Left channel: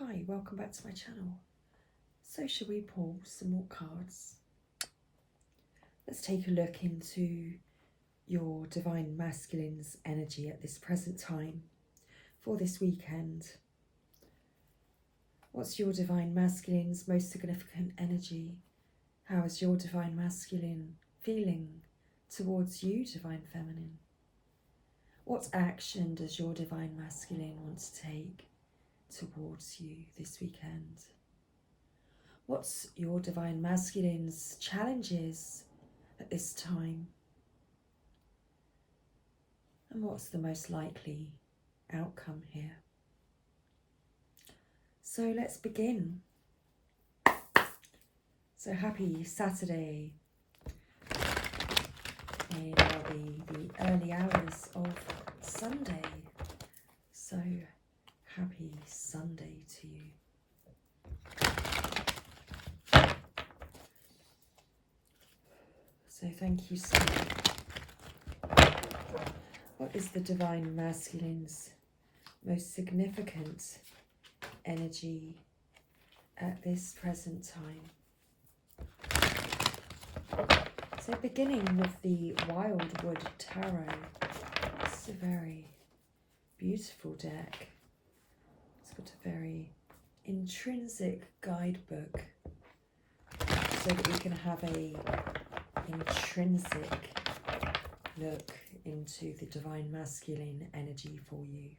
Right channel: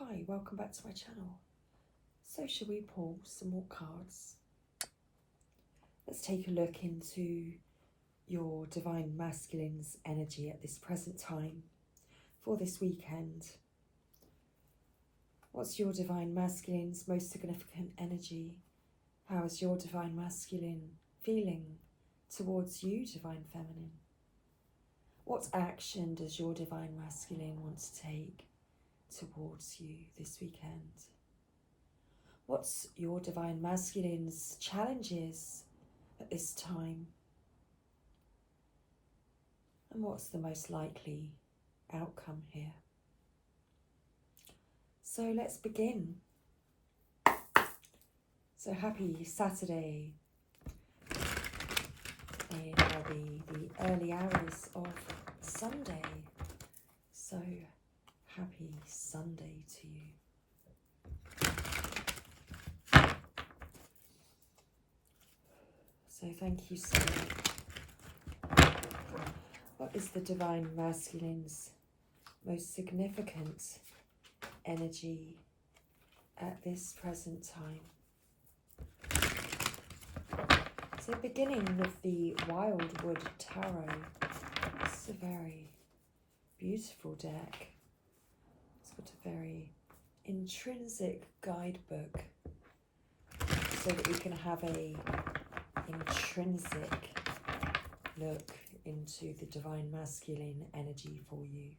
Hi, welcome back to my channel. So shall we pull some more cards? Let's take a look into your Divine Masculine's energy at this present time for this weekend. What's your Divine Masculine's most significant energy? How is your Divine Masculine feeling towards you, Divine Feminine? What action does your Divine Masculine want to take towards you this weekend? What's your Divine Masculine's challenges at this time? And what's the most likely outcome here? So let's begin. So happy Saturday. It will be the early hours of Sunday. So happy Sunday to you. So thank you so much. What is the Divine Masculine's most significant energy at this present time? So beginning with the Wildwood Tarot, it's a very beautiful deck. It's got a very intrinsic guidebook so that we can have a intrinsic look into the Divine Masculine energy for you.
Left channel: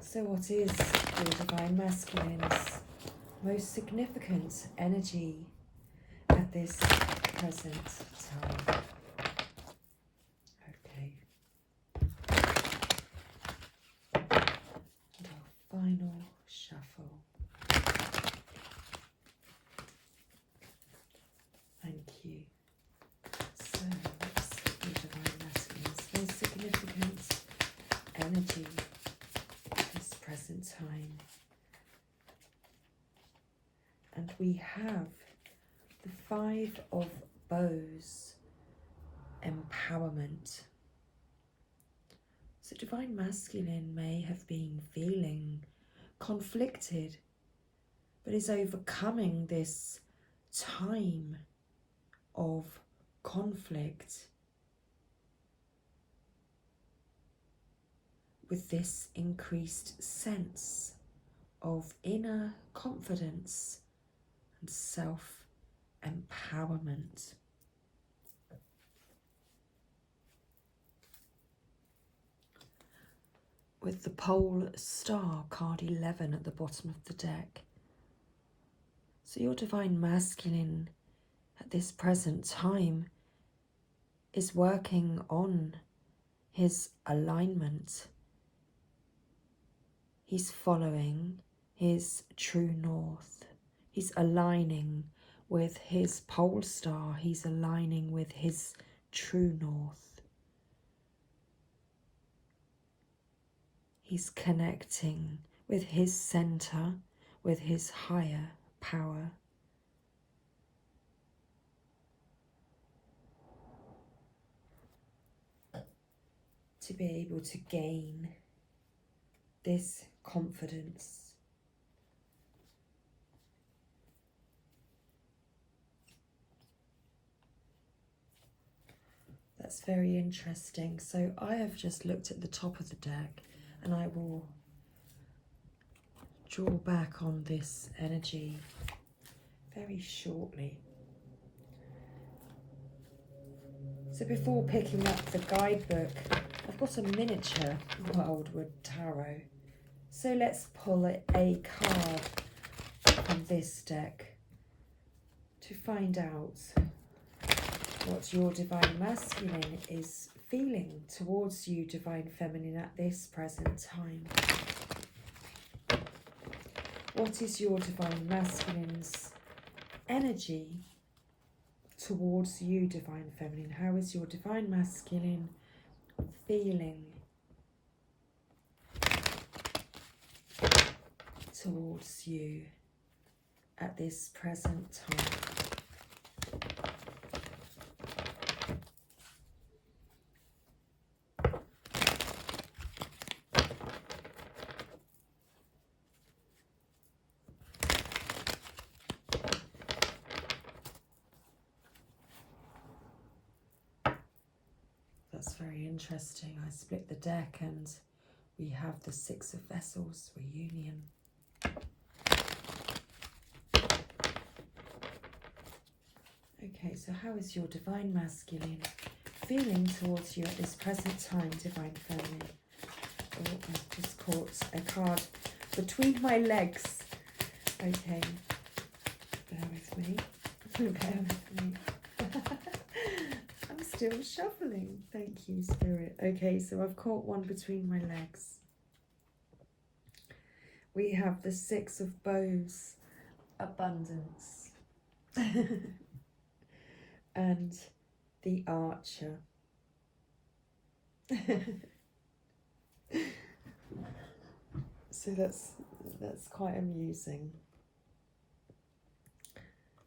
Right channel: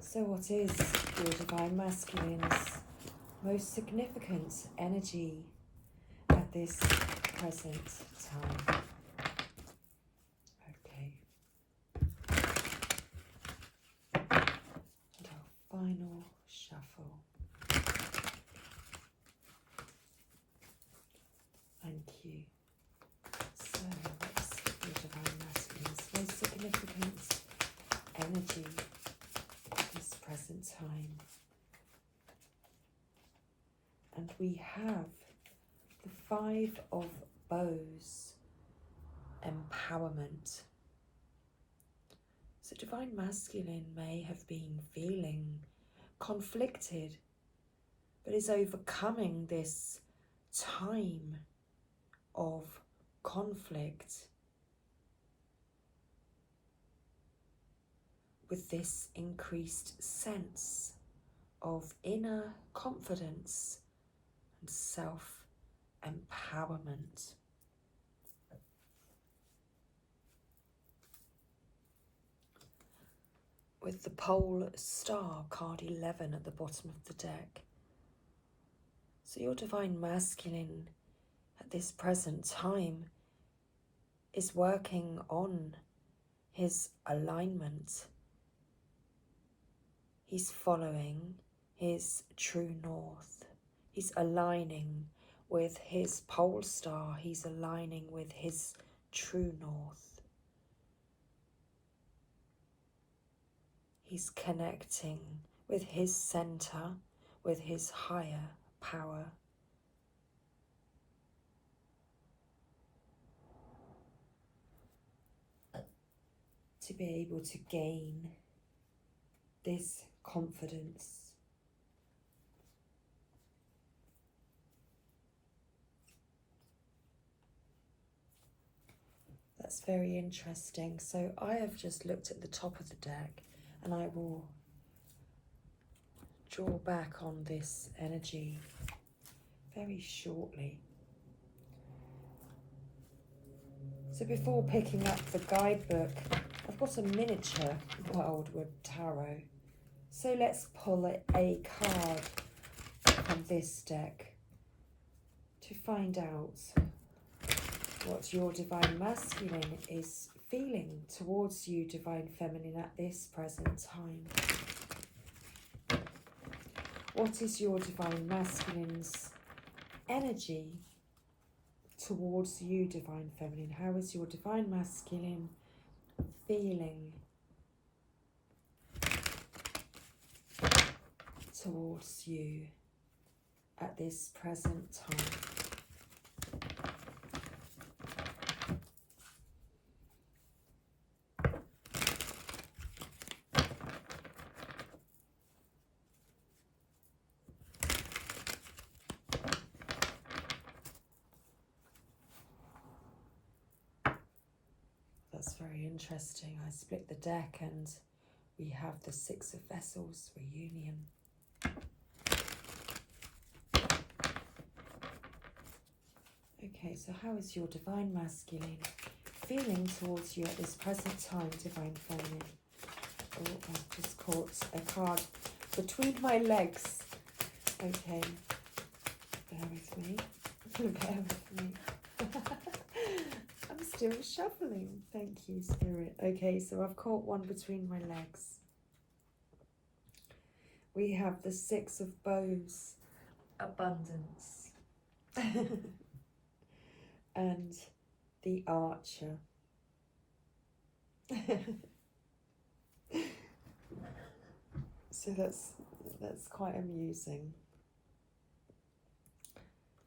So what is your Divine Masculine's most significant energy at this present time? Okay. And our final shuffle. Thank you. So what's your Divine Masculine's most significant energy at this present time? And we have the Five of Bows, empowerment. So Divine Masculine may have been feeling conflicted, but is overcoming this time of conflict with this increased sense of inner confidence and self-empowerment. With the Pole Star, card 11 at the bottom of the deck. So your Divine Masculine at this present time is working on his alignment. He's following his true north. He's aligning with his pole star. He's aligning with his true north. He's connecting with his center, with his higher power. To be able to gain this confidence. That's very interesting. So I have just looked at the top of the deck and I will draw back on this energy very shortly. So before picking up the guidebook, I've got a miniature Wildwood Tarot. So let's pull a card from this deck to find out what your Divine Masculine is feeling towards you, Divine Feminine, at this present time. What is your Divine Masculine's energy towards you, Divine Feminine? How is your Divine Masculine feeling towards you at this present time? interesting. I split the deck and we have the Six of Vessels, reunion. Okay, so how is your Divine Masculine feeling towards you at this present time, Divine Feminine? Oh, I've just caught a card between my legs. Okay, bear with me. Bear with me. I'm still shuffling. Thank you, Spirit. Okay, so I've caught one between my legs. We have the Six of Bows, abundance. And the Archer. So that's quite amusing.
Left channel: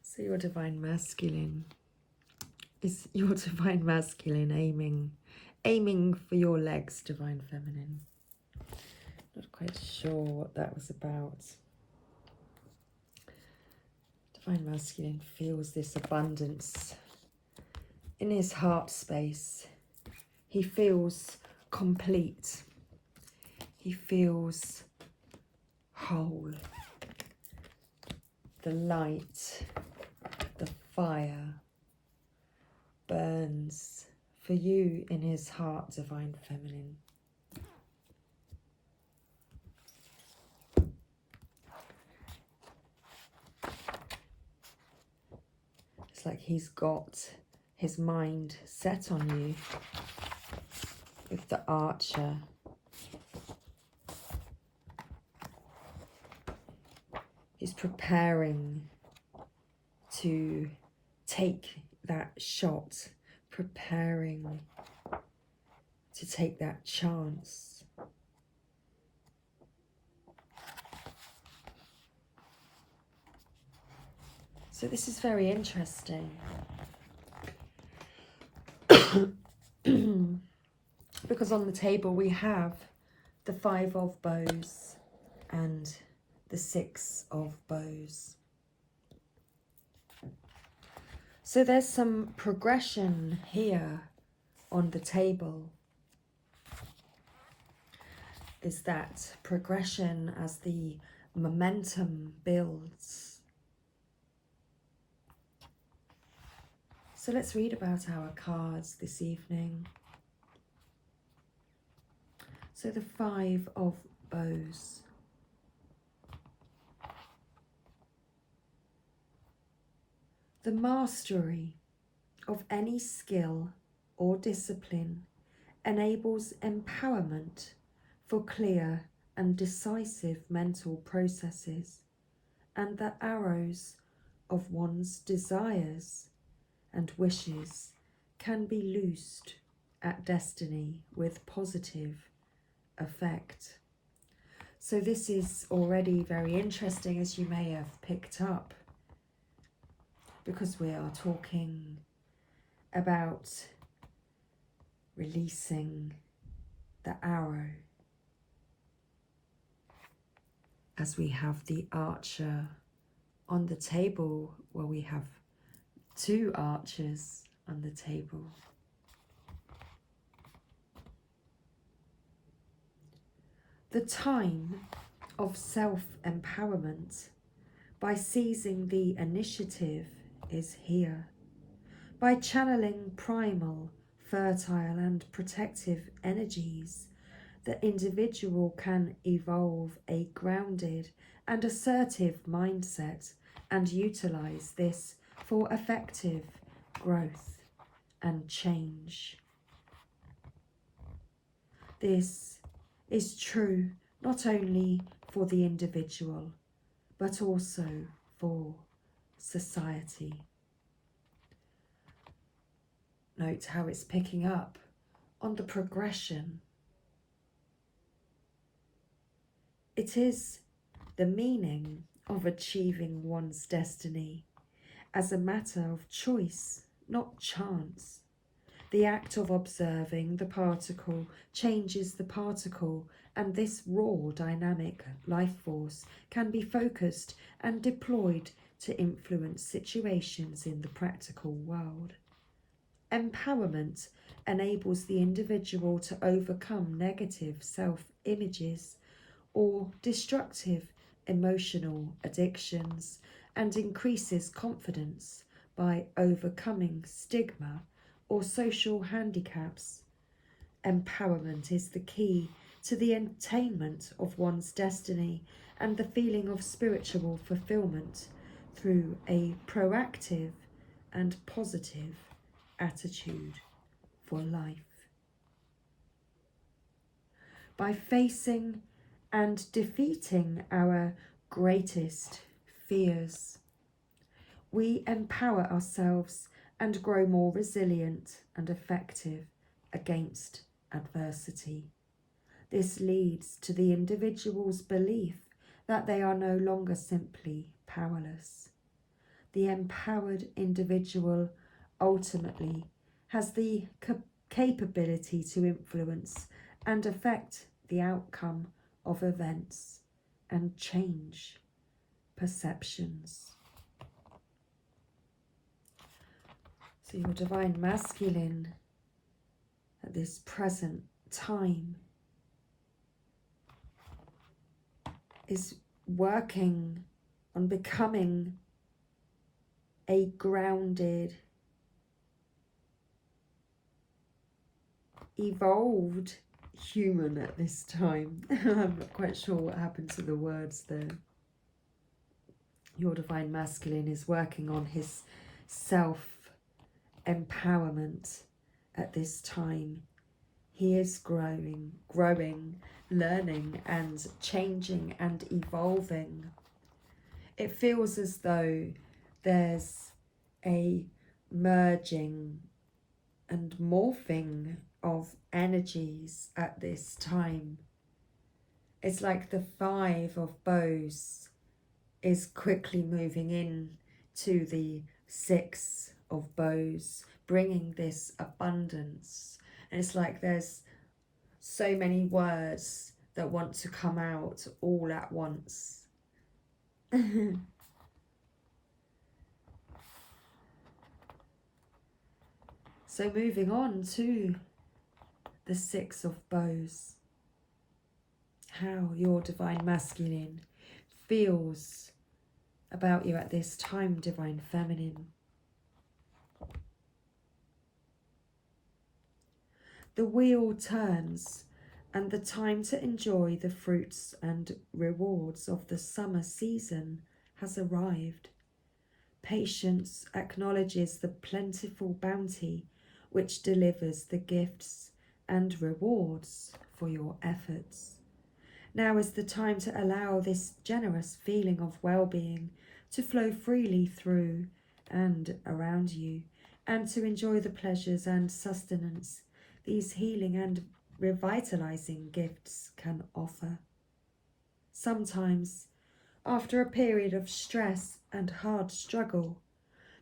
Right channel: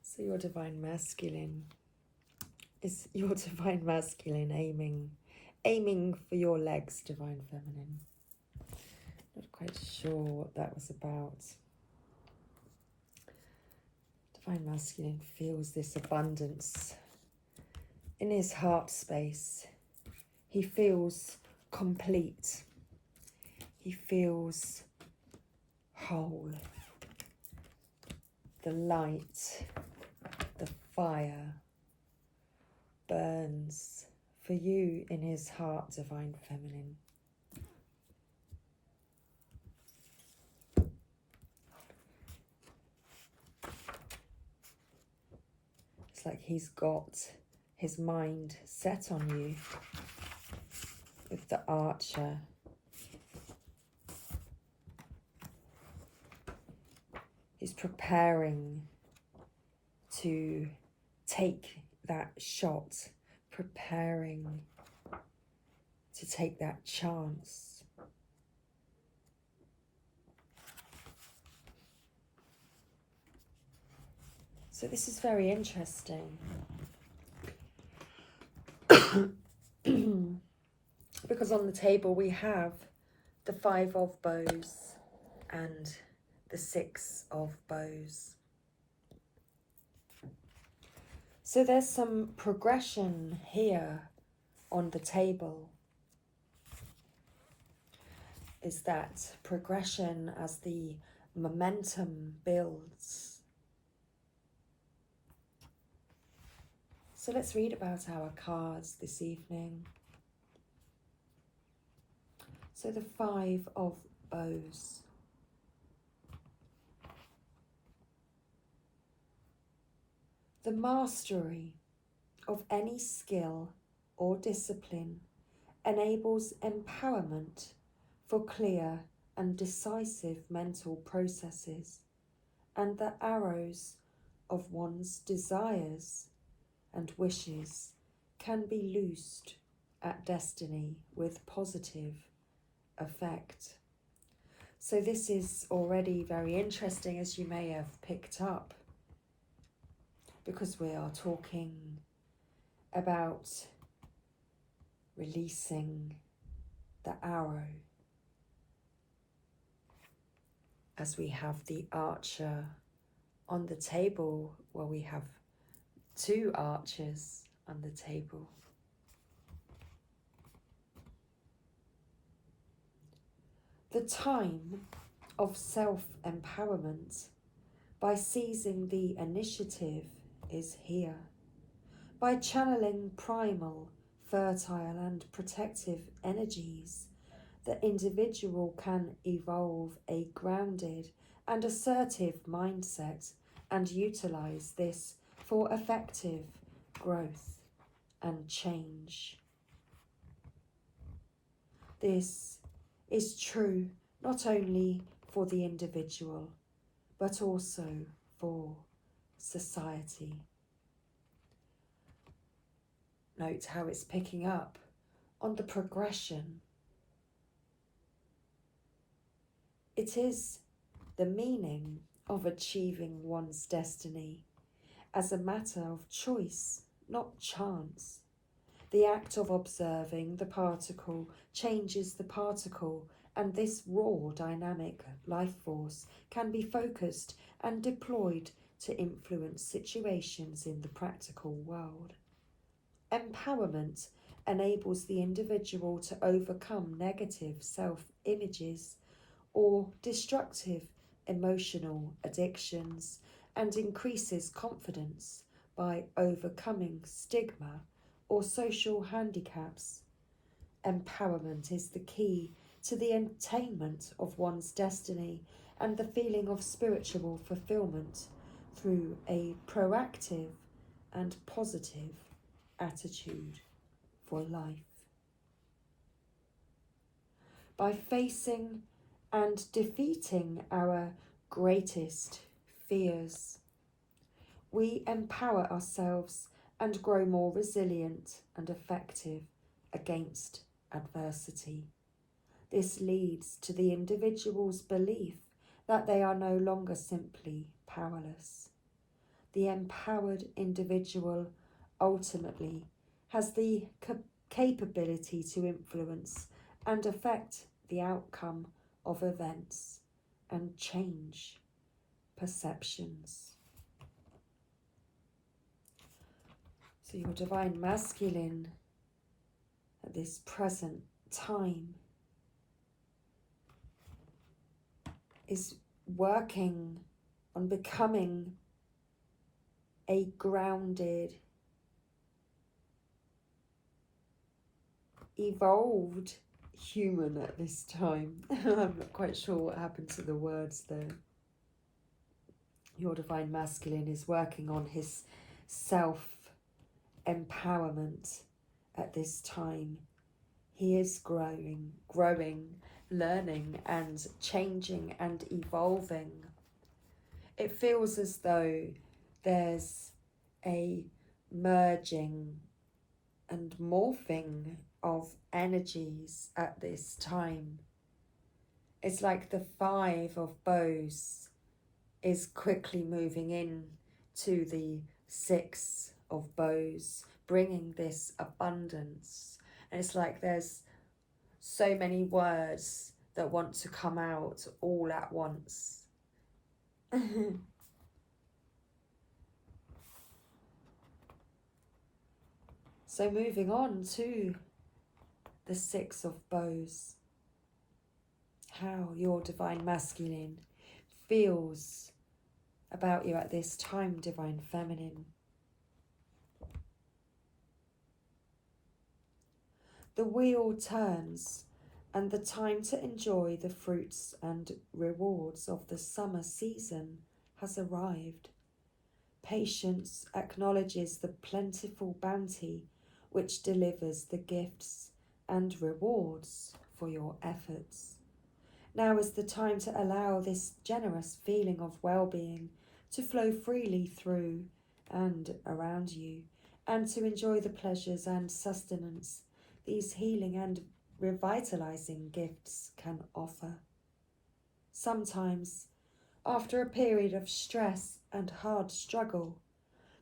So your Divine Masculine, is your Divine Masculine aiming for your legs, Divine Feminine? Not quite sure what that was about. Divine Masculine feels this abundance in his heart space. He feels complete. He feels whole. The light, the fire burns for you in his heart, Divine Feminine. It's like he's got his mind set on you with the Archer. He's preparing to take that shot, preparing to take that chance. So this is very interesting. Because on the table we have the Five of Bows and the Six of Bows. So there's some progression here on the table. Is that progression as the momentum builds. So let's read about our cards this evening. So the Five of Bows. The mastery of any skill or discipline enables empowerment for clear and decisive mental processes, and the arrows of one's desires and wishes can be loosed at destiny with positive effect. So this is already very interesting, as you may have picked up, because we are talking about releasing the arrow, as we have the Archer on the table. Well, we have two archers on the table. The time of self-empowerment by seizing the initiative is here. By channeling primal, fertile and protective energies, the individual can evolve a grounded and assertive mindset and utilize this for effective growth and change. This is true not only for the individual, but also for society. Note how it's picking up on the progression. It is the meaning of achieving one's destiny as a matter of choice, not chance. The act of observing the particle changes the particle, and this raw dynamic life force can be focused and deployed to influence situations in the practical world. Empowerment enables the individual to overcome negative self-images or destructive emotional addictions and increases confidence by overcoming stigma or social handicaps. Empowerment is the key to the attainment of one's destiny and the feeling of spiritual fulfillment through a proactive and positive attitude for life. By facing and defeating our greatest fears, we empower ourselves and grow more resilient and effective against adversity. This leads to the individual's belief that they are no longer simply powerless. The empowered individual ultimately has the capability to influence and affect the outcome of events and change perceptions. So your divine masculine at this present time is working on becoming a grounded, evolved human at this time. I'm not quite sure what happened to the words there. Your divine masculine is working on his self-empowerment at this time. He is growing, learning and changing and evolving. It feels as though there's a merging and morphing of energies at this time. It's like the 5 of bows is quickly moving in to the 6 of bows, bringing this abundance. And it's like there's so many words that want to come out all at once. So moving on to the 6 of bows, how your divine masculine feels about you at this time, divine feminine. The wheel turns and the time to enjoy the fruits and rewards of the summer season has arrived. Patience acknowledges the plentiful bounty which delivers the gifts and rewards for your efforts. Now is the time to allow this generous feeling of well-being to flow freely through and around you, and to enjoy the pleasures and sustenance these healing and revitalizing gifts can offer. Sometimes, after a period of stress and hard struggle,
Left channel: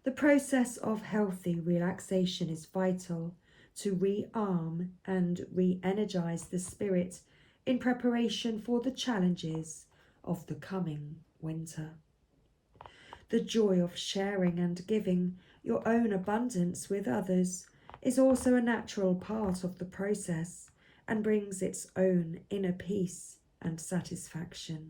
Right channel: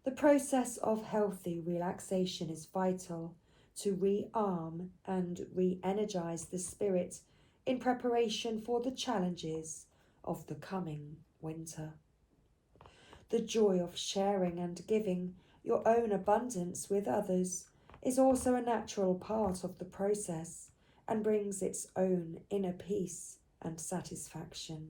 the process of healthy relaxation is vital to rearm and re-energize the spirit in preparation for the challenges of the coming winter. The joy of sharing and giving your own abundance with others is also a natural part of the process and brings its own inner peace and satisfaction.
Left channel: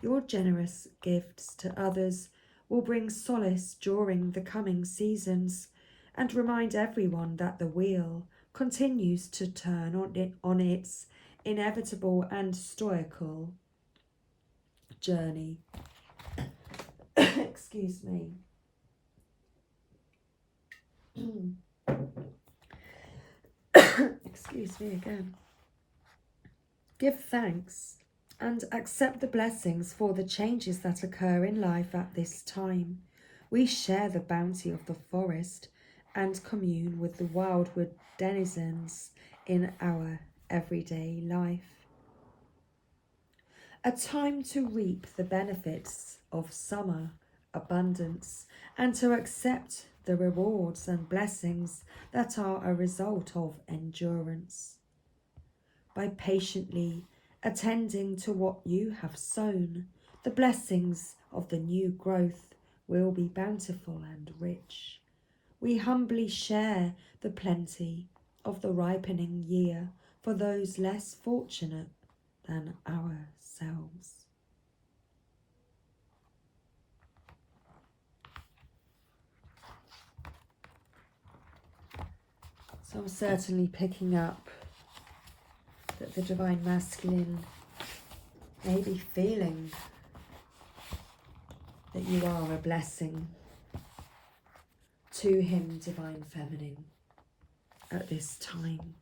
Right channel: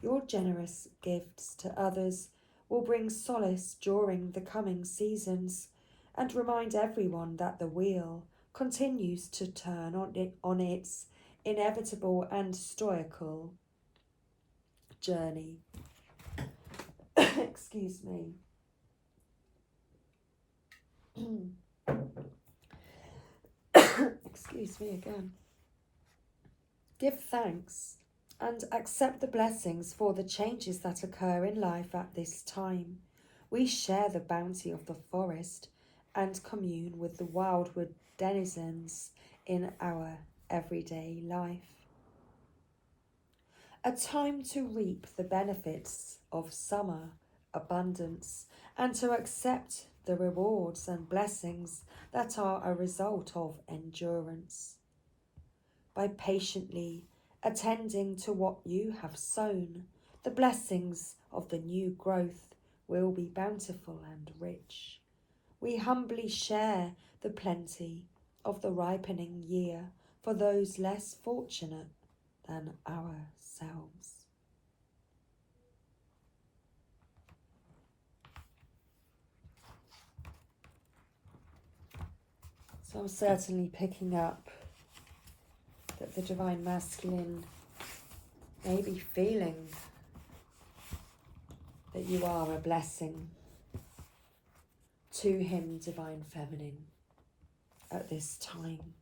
Your generous gifts to others will bring solace during the coming seasons and remind everyone that the wheel continues to turn on its inevitable and stoical journey. Excuse me. Excuse me again. Give thanks and accept the blessings for the changes that occur in life at this time. We share the bounty of the forest and commune with the wildwood denizens in our everyday life. A time to reap the benefits of summer abundance and to accept the rewards and blessings that are a result of endurance. By patiently attending to what you have sown, the blessings of the new growth will be bountiful and rich. We humbly share the plenty of the ripening year for those less fortunate than ourselves. So I'm certainly picking up that the Divine Masculine may be feeling that you are a blessing to him, Divine Feminine, at this time.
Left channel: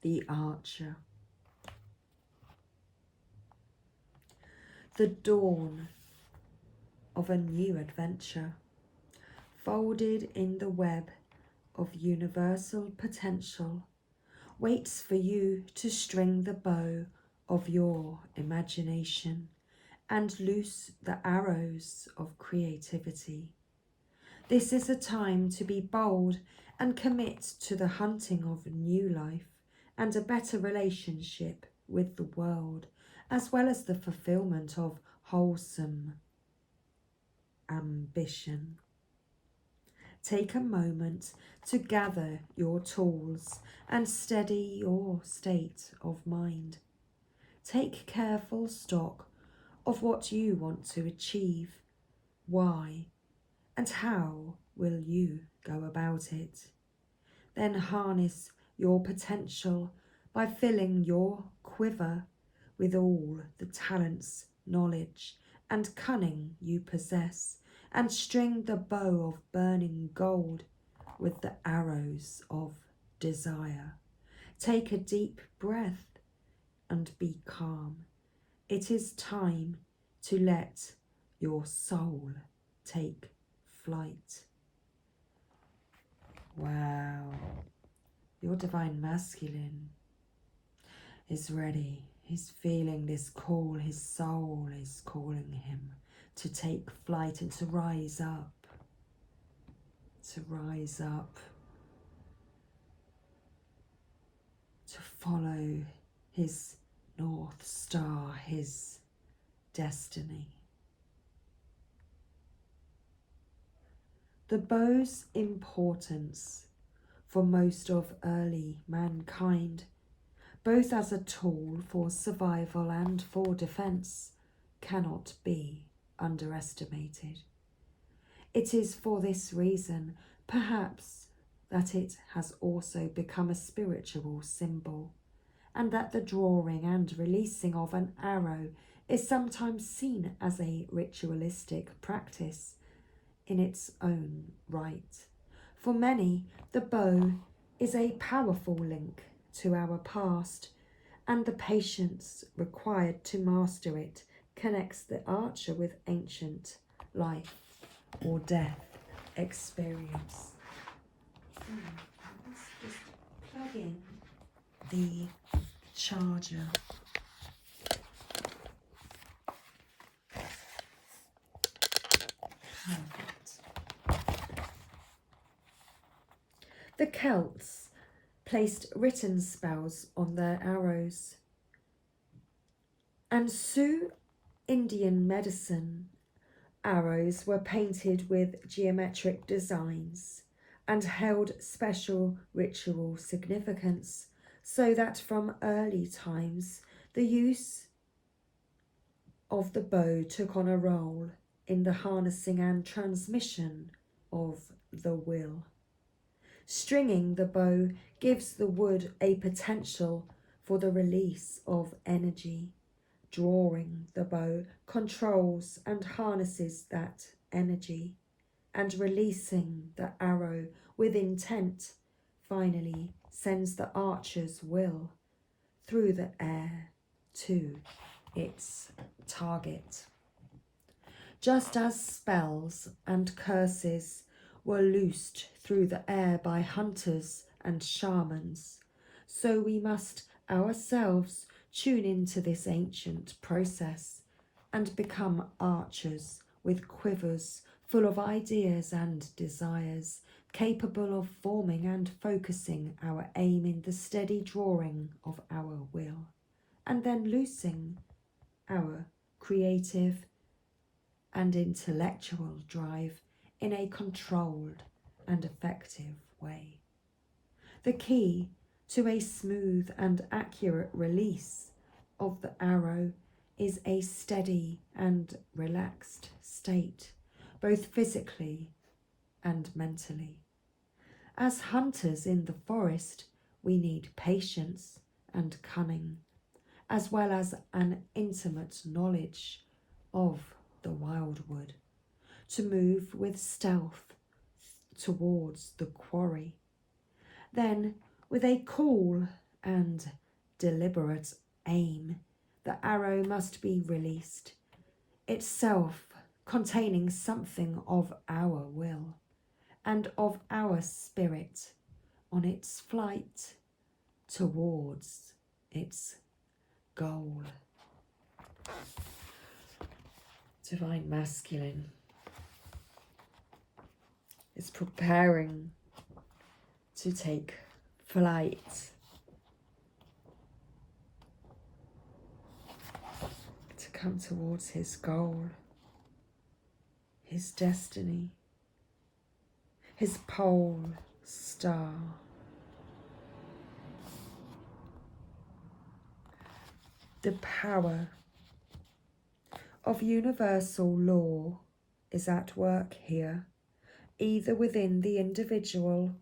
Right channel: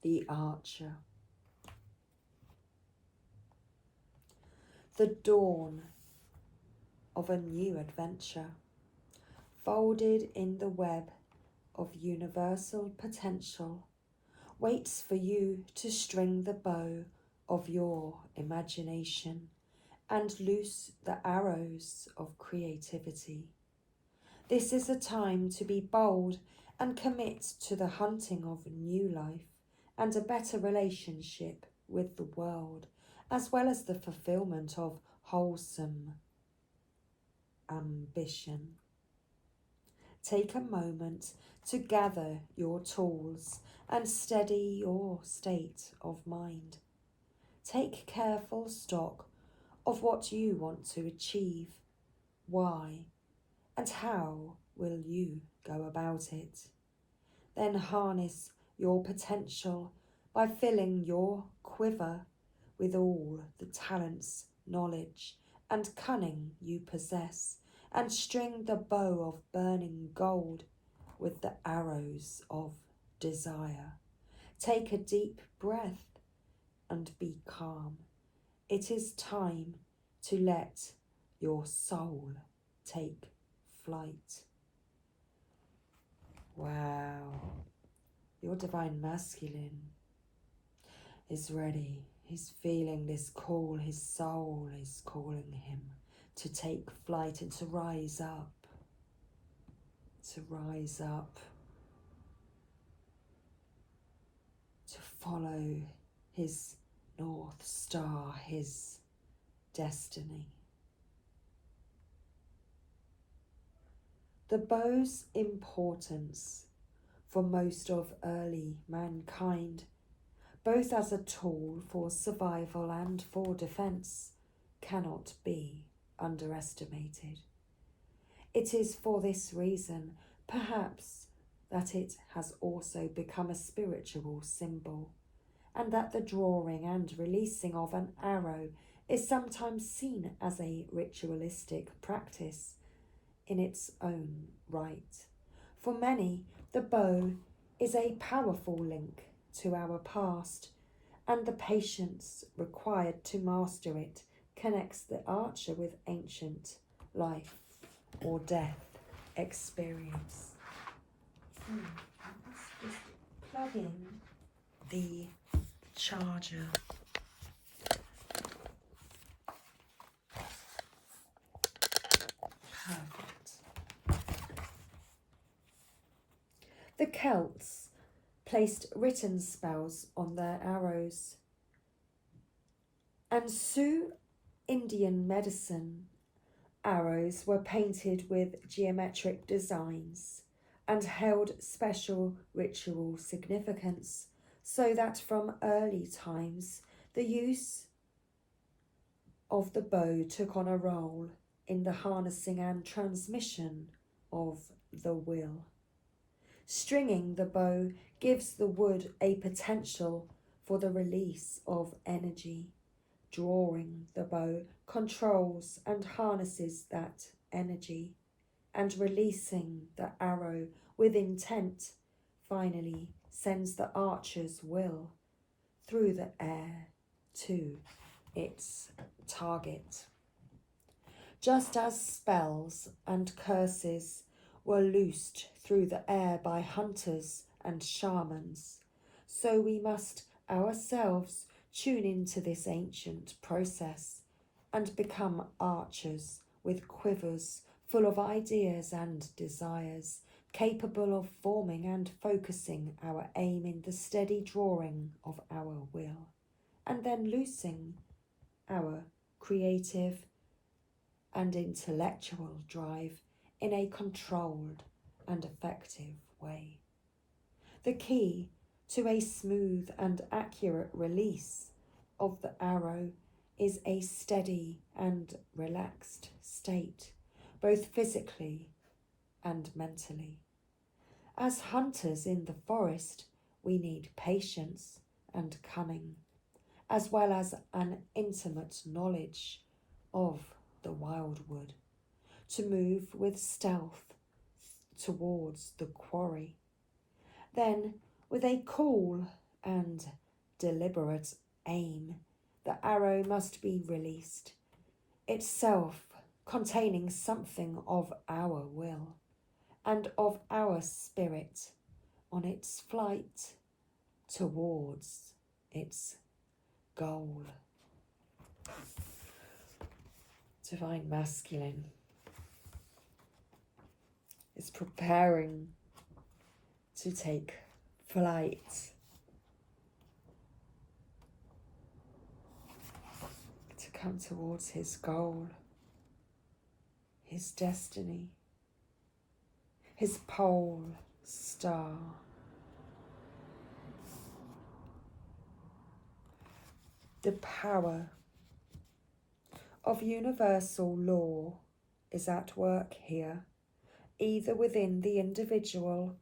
The Archer. The dawn of a new adventure, folded in the web of universal potential, waits for you to string the bow of your imagination and loose the arrows of creativity. This is a time to be bold and commit to the hunting of new life and a better relationship with the world, as well as the fulfillment of wholesome ambition. Take a moment to gather your tools and steady your state of mind. Take careful stock of what you want to achieve, why, and how will you go about it. Then harness your potential by filling your quiver with all the talents, knowledge, and cunning you possess, and string the bow of burning gold with the arrows of desire. Take a deep breath and be calm. It is time to let your soul take flight. Wow. Your Divine Masculine is ready. He's feeling this call. His soul is calling him to take flight and to rise up. To rise up. To follow his North Star, his destiny. The bow's importance for most of early mankind, both as a tool for survival and for defense, cannot be underestimated. It is for this reason, perhaps, that it has also become a spiritual symbol, and that the drawing and releasing of an arrow is sometimes seen as a ritualistic practice in its own right. For many, the bow is a powerful link to our past, and the patience required to master it connects the archer with ancient life or death experience. Let's just plug in the charger. Perfect. The Celts placed written spells on their arrows, and Sioux Indian medicine arrows were painted with geometric designs and held special ritual significance, so that from early times the use of the bow took on a role in the harnessing and transmission of the will. Stringing the bow gives the wood a potential for the release of energy. Drawing the bow controls and harnesses that energy, and releasing the arrow with intent finally sends the archer's will through the air to its target. Just as spells and curses were loosed through the air by hunters and shamans, so we must ourselves tune into this ancient process and become archers with quivers full of ideas and desires, capable of forming and focusing our aim in the steady drawing of our will, and then loosing our creative and intellectual drive in a controlled and effective way. The key to a smooth and accurate release of the arrow is a steady and relaxed state, both physically and mentally. As hunters in the forest, we need patience and cunning, as well as an intimate knowledge of the wildwood, to move with stealth towards the quarry. Then, with a cool and deliberate aim, the arrow must be released, itself containing something of our will and of our spirit on its flight towards its goal. Divine Masculine is preparing to take flight. To come towards his goal, his destiny, his pole star. The power of universal law is at work here, either within the individual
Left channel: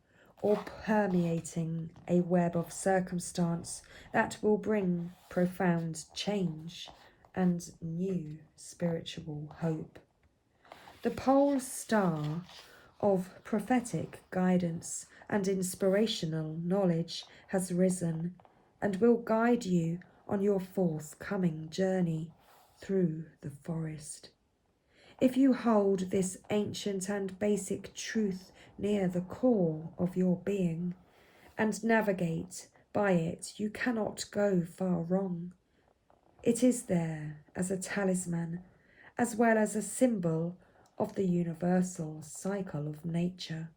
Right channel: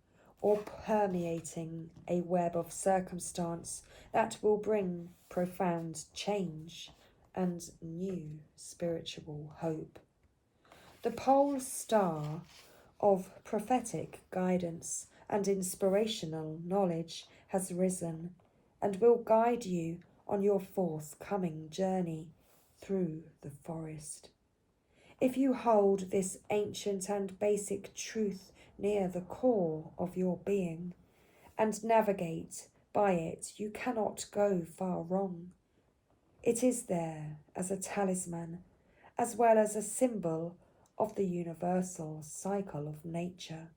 or permeating a web of circumstance that will bring profound change and new spiritual hope. The pole star of prophetic guidance and inspirational knowledge has risen and will guide you on your forthcoming journey through the forest. If you hold this ancient and basic truth near the core of your being and navigate by it, you cannot go far wrong. It is there as a talisman, as well as a symbol of the universal cycle of nature.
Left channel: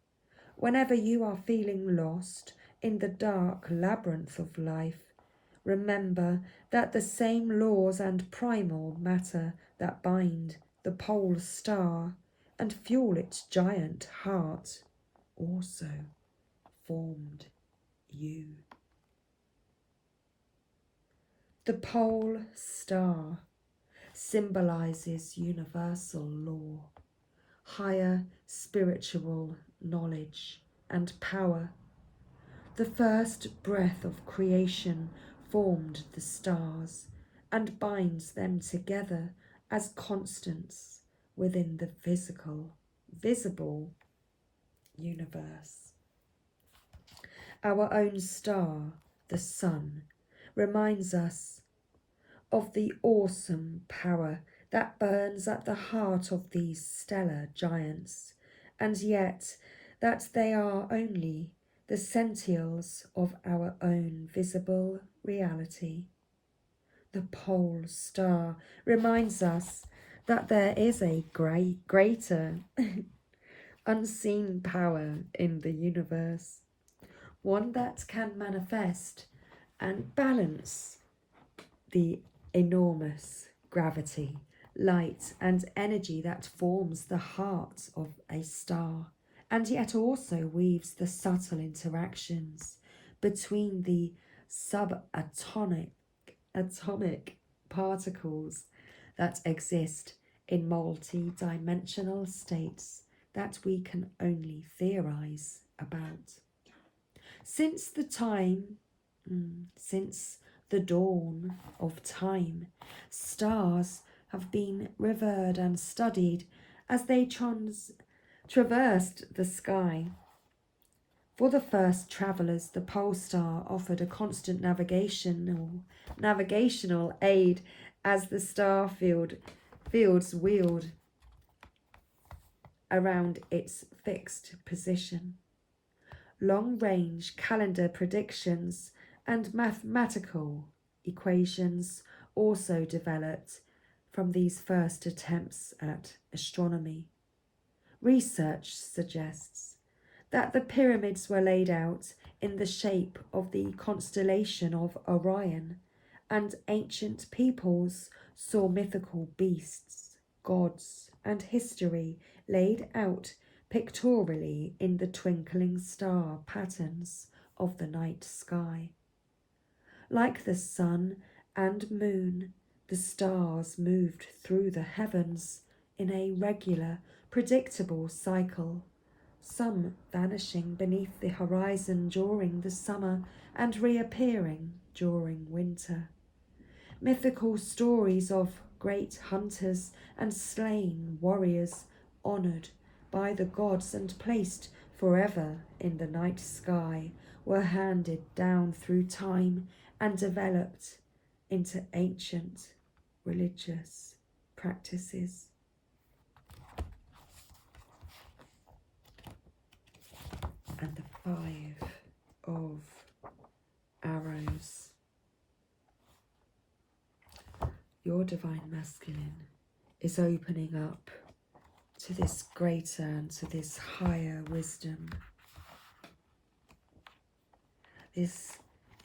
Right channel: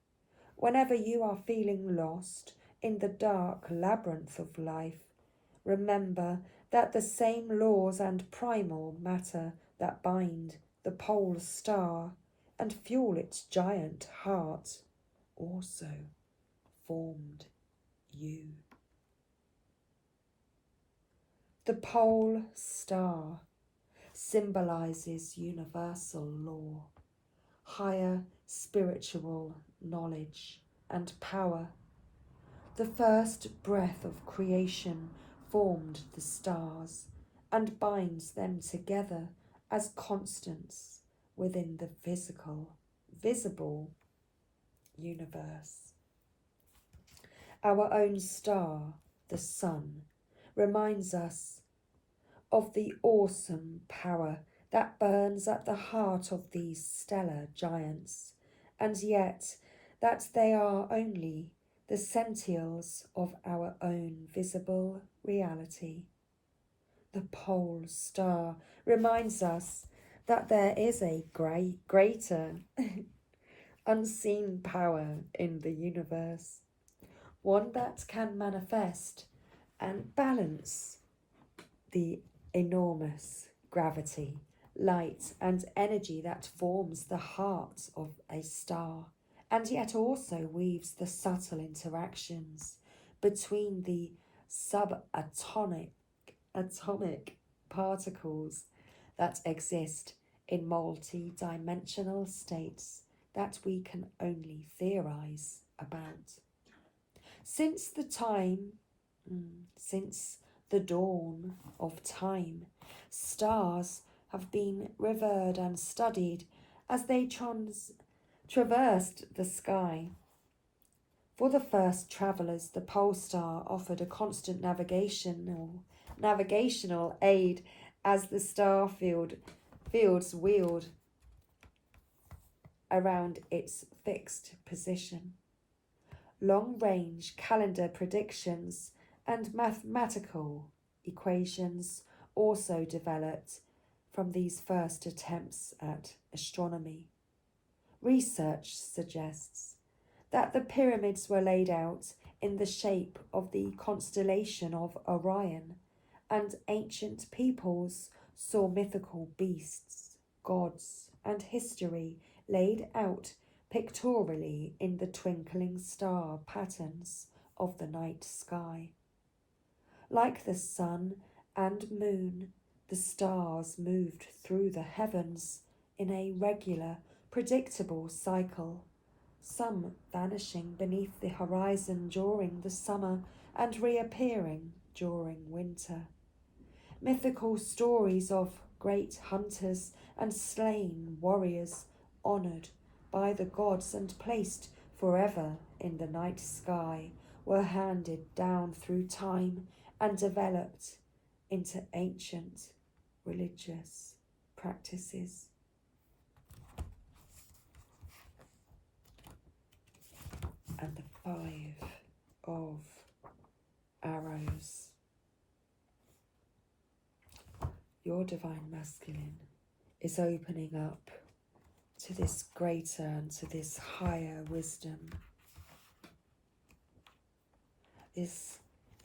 Whenever you are feeling lost in the dark labyrinth of life, remember that the same laws and primal matter that bind the pole star and fuel its giant heart also formed you. The pole star symbolizes universal law, higher spiritual knowledge and power. The first breath of creation formed the stars and binds them together as constants within the visible universe. Our own star, the sun, reminds us of the awesome power that burns at the heart of these stellar giants, and yet that they are only the sentinels of our own visible reality. The pole star reminds us that there is a greater unseen power in the universe, one that can manifest and balance the enormous gravity, light and energy that forms the heart of a star, and yet also weaves the subtle interactions between the subatomic particles that exist in multi-dimensional states that we can only theorize about. Since the dawn of time, stars have been revered and studied as they traversed the sky. For the first travellers, the pole star offered a constant navigational aid as the star fields wheeled around its fixed position. Long-range calendar predictions and mathematical equations also developed from these first attempts at astronomy. Research suggests that the pyramids were laid out in the shape of the constellation of Orion, and ancient peoples saw mythical beasts, gods and history laid out pictorially in the twinkling star patterns of the night sky. Like the sun and moon, the stars moved through the heavens in a regular, predictable cycle, some vanishing beneath the horizon during the summer and reappearing during winter. Mythical stories of great hunters and slain warriors honoured by the gods and placed forever in the night sky were handed down through time and developed into ancient religious practices. And the 5 of arrows. Your divine masculine is opening up to this greater and to this higher wisdom. This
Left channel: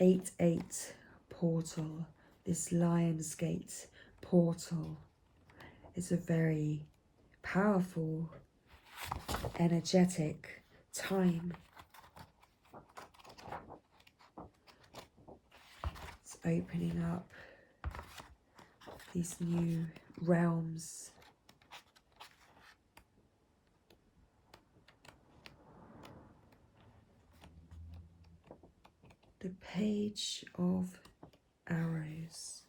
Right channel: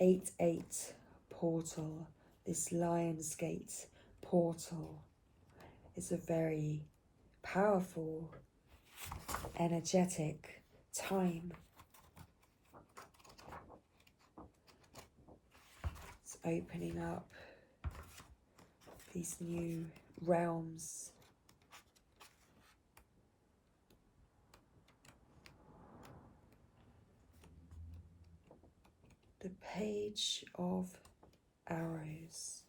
8-8 portal, this Lion's Gate portal, is a very powerful, energetic time. It's opening up these new realms. The Page of Arrows.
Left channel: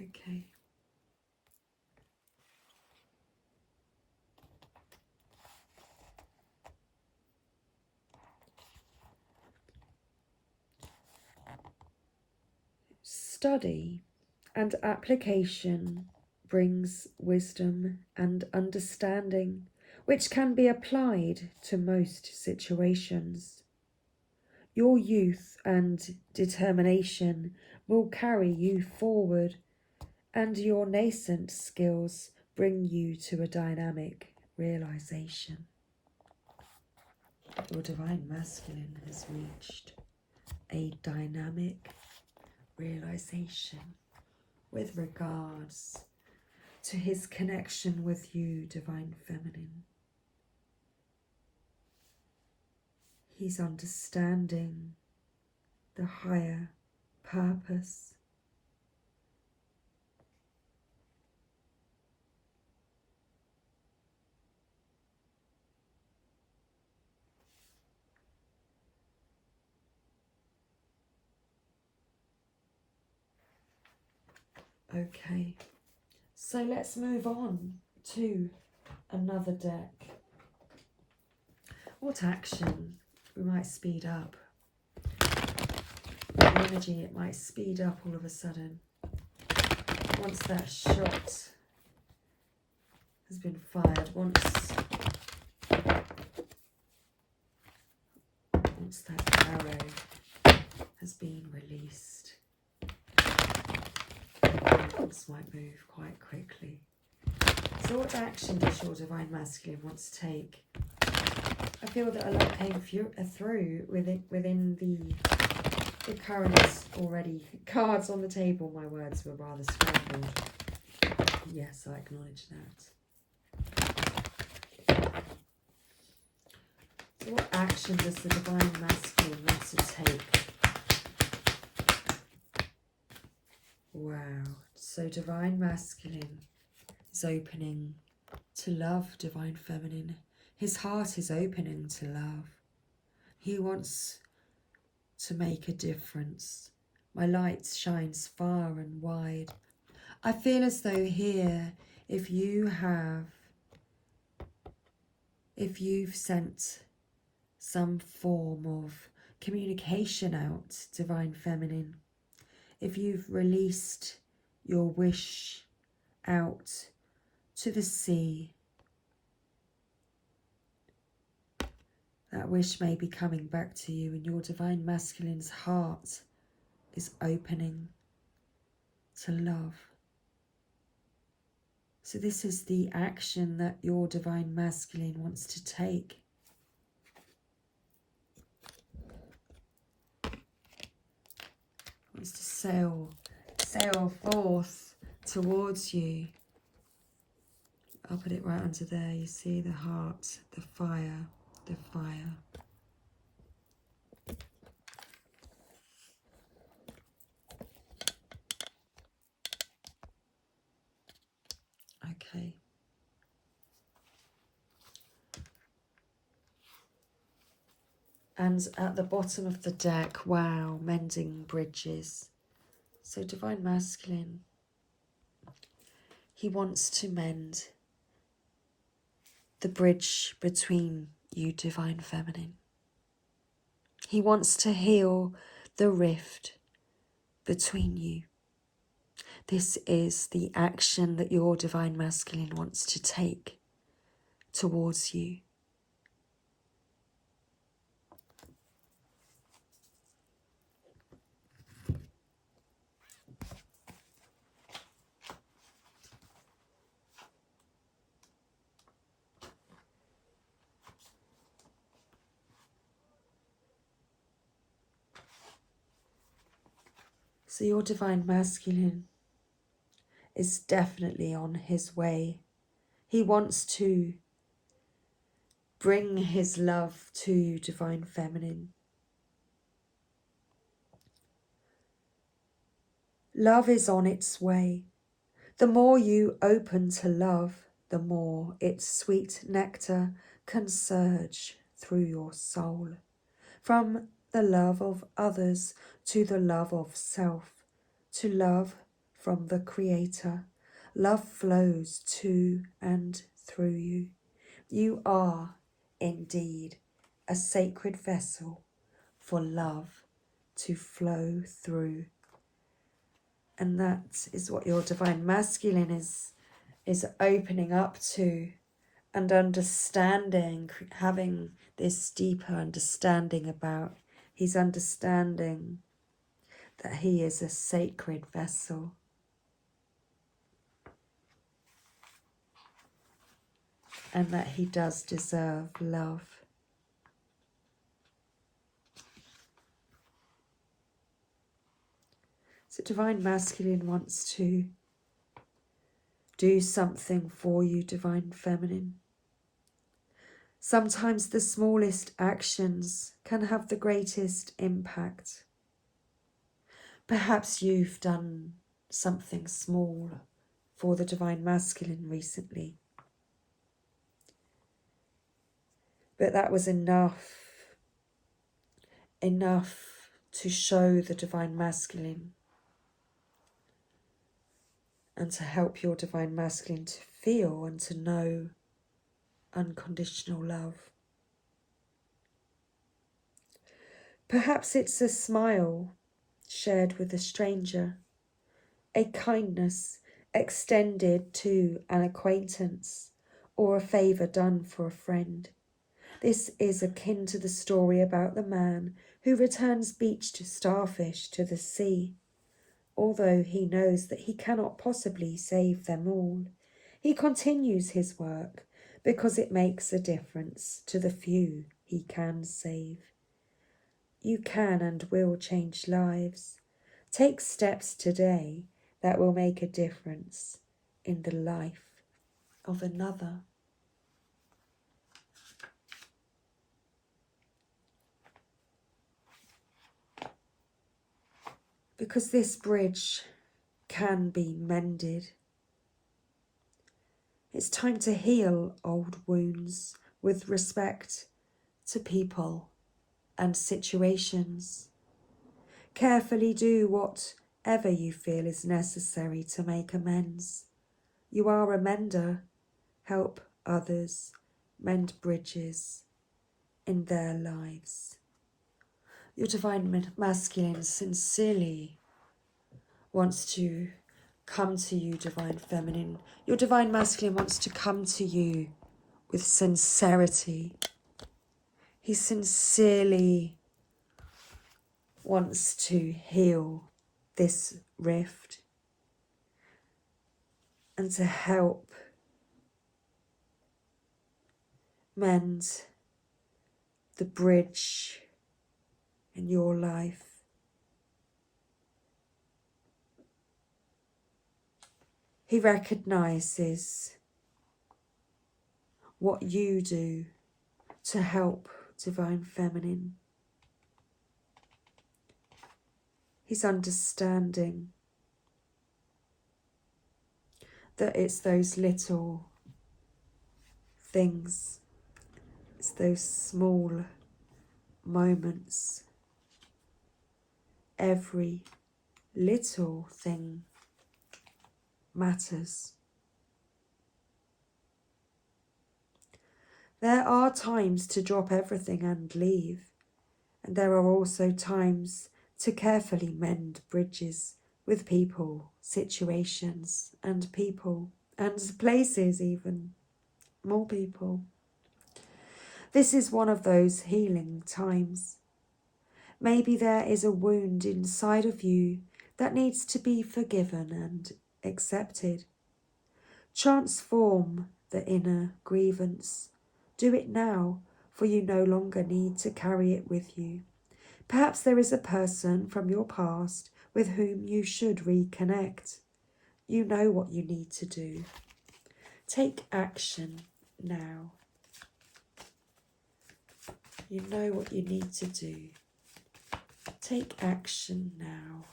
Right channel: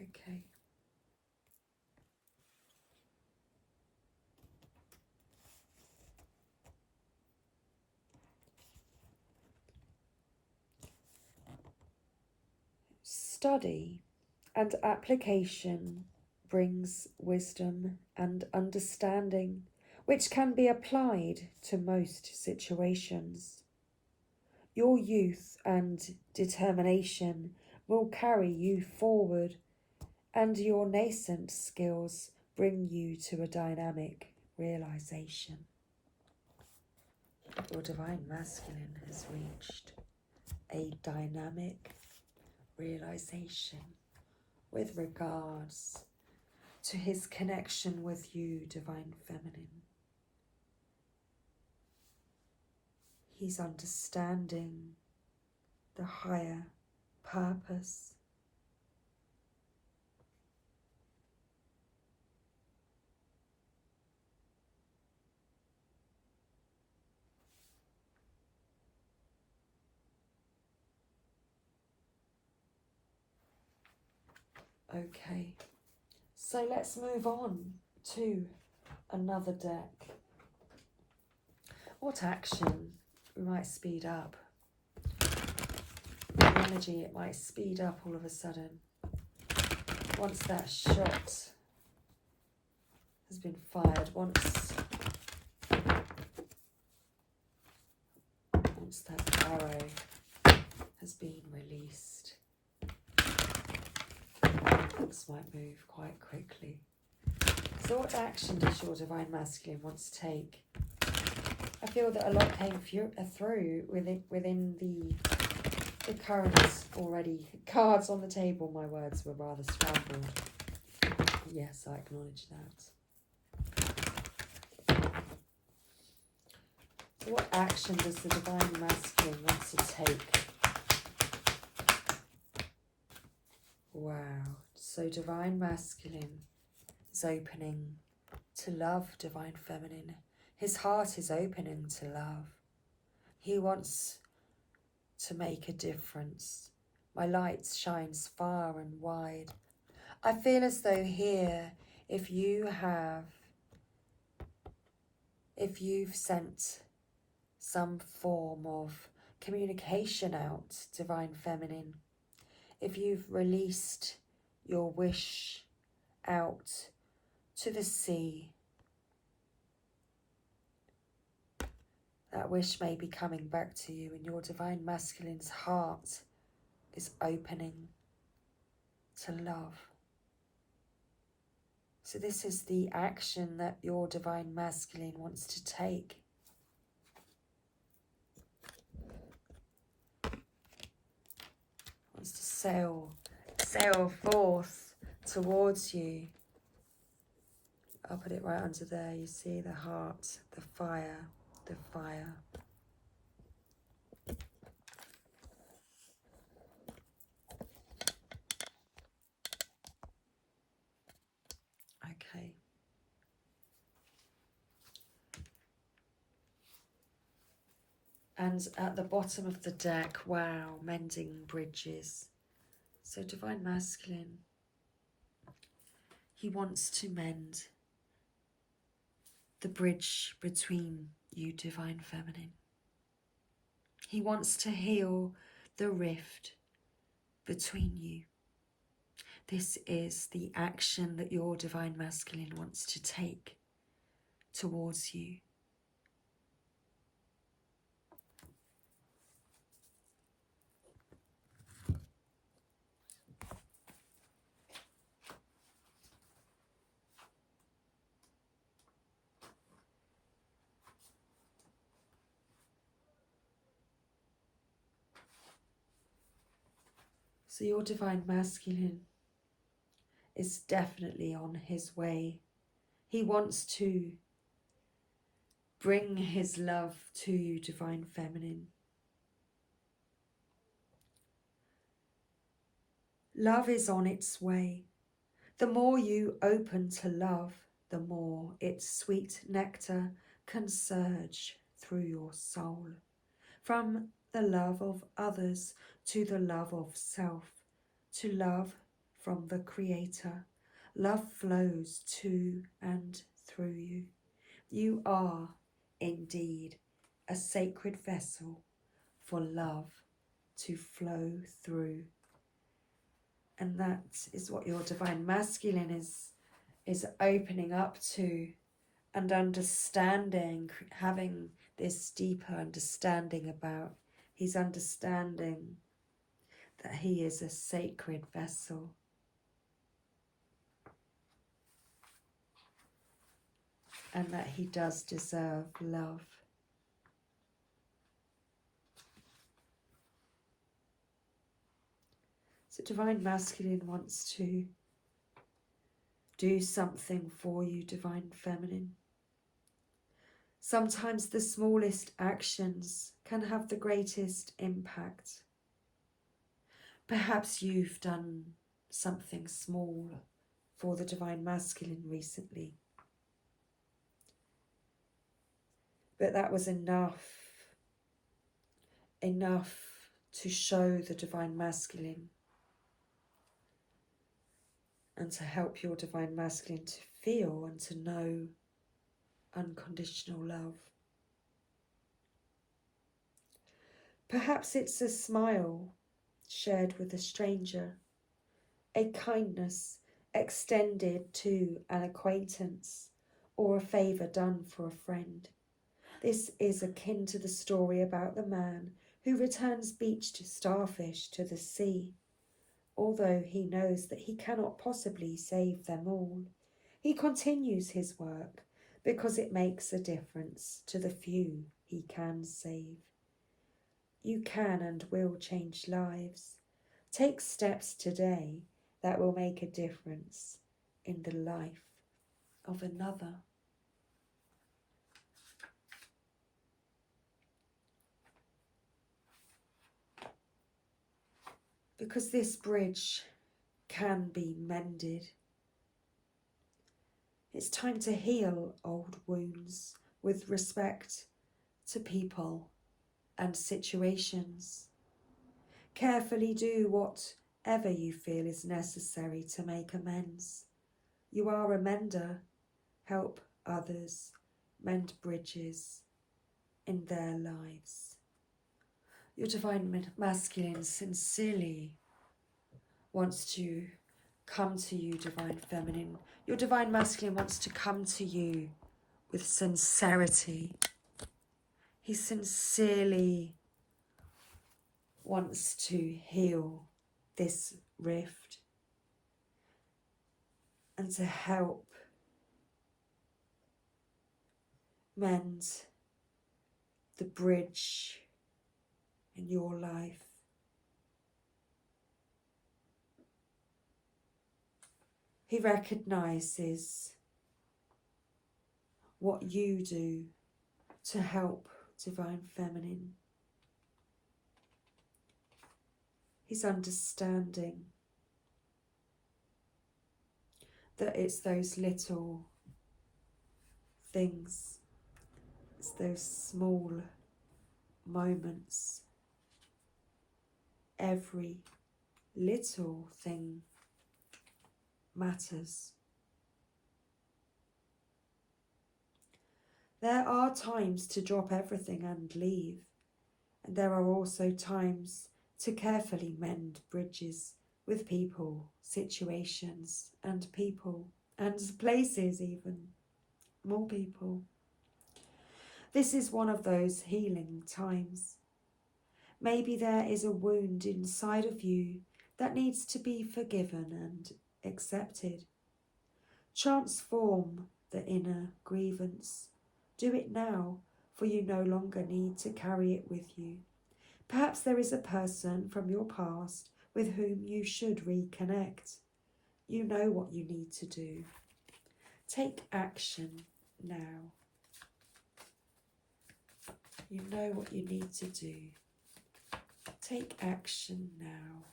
Okay. Study and application brings wisdom and understanding, which can be applied to most situations. Your youth and determination will carry you forward, and your nascent skills bring you to a dynamic realization. Your divine masculine has reached a dynamic realization with regards to his connection with you, divine feminine. He's understanding the higher purpose. Okay, so let's move on to another deck. What action we might speed up? What energy it might speed up all of a sudden once that shot has been fired, once that arrow has been released. This might move quite quickly. So what action does your divine masculine want to take? I feel that a lot came through within the current already cards on the table. My words were rather scrambled. Yes, I acknowledge that. So what action does the divine masculine want to take? Wow. So divine masculine is opening to love, divine feminine. His heart is opening to love. He wants to make a difference. My light shines far and wide. I feel as though here, if you've sent some form of communication out, divine feminine, if you've released your wish out to the sea, that wish may be coming back to you, and your divine masculine's heart is opening to love. So this is the action that your divine masculine wants to take. Wants to sail sail forth towards you. I'll put it right under there. You see the heart, the fire, the fire. Okay. And at the bottom of the deck, wow, mending bridges. So Divine Masculine, he wants to mend the bridge between you, Divine Feminine. He wants to heal the rift between you. This is the action that your Divine Masculine wants to take towards you. So your Divine Masculine is definitely on his way. He wants to bring his love to you, Divine Feminine. Love is on its way. The more you open to love, the more its sweet nectar can surge through your soul. From the love of others to the love of self, to love from the Creator. Love flows to and through you. You are indeed a sacred vessel for love to flow through. And that is what your Divine Masculine is opening up to and understanding, having this deeper understanding about. He's understanding that he is a sacred vessel. And that he does deserve love. So Divine Masculine wants to do something for you, Divine Feminine. Sometimes the smallest actions can have the greatest impact. Perhaps you've done something small for the Divine Masculine recently. But that was enough to show the Divine Masculine and to help your Divine Masculine to feel and to know unconditional love. Perhaps it's a smile shared with a stranger, a kindness extended to an acquaintance, or a favour done for a friend. This is akin to the story about the man who returns beached starfish to the sea. Although he knows that he cannot possibly save them all, he continues his work because it makes a difference to the few he can save. You can and will change lives. Take steps today that will make a difference in the life of another. Because this bridge can be mended. It's time to heal old wounds with respect to people and situations. Carefully do whatever you feel is necessary to make amends. You are a mender. Help others mend bridges in their lives. Your Divine Masculine sincerely wants to come to you, Divine Feminine. Your Divine Masculine wants to come to you with sincerity. He sincerely wants to heal this rift and to help mend the bridge in your life. He recognises what you do to help Divine Feminine. He's understanding that it's those little things, it's those small moments. Every little thing matters. There are times to drop everything and leave, and there are also times to carefully mend bridges with people, situations, and places, even more people. This is one of those healing times. Maybe there is a wound inside of you that needs to be forgiven and accepted. Transform the inner grievance. Do it now, for you no longer need to carry it with you. Perhaps there is a person from your past with whom you should reconnect. You know what you need to do. Take action now. You know what you need to do. Take action now.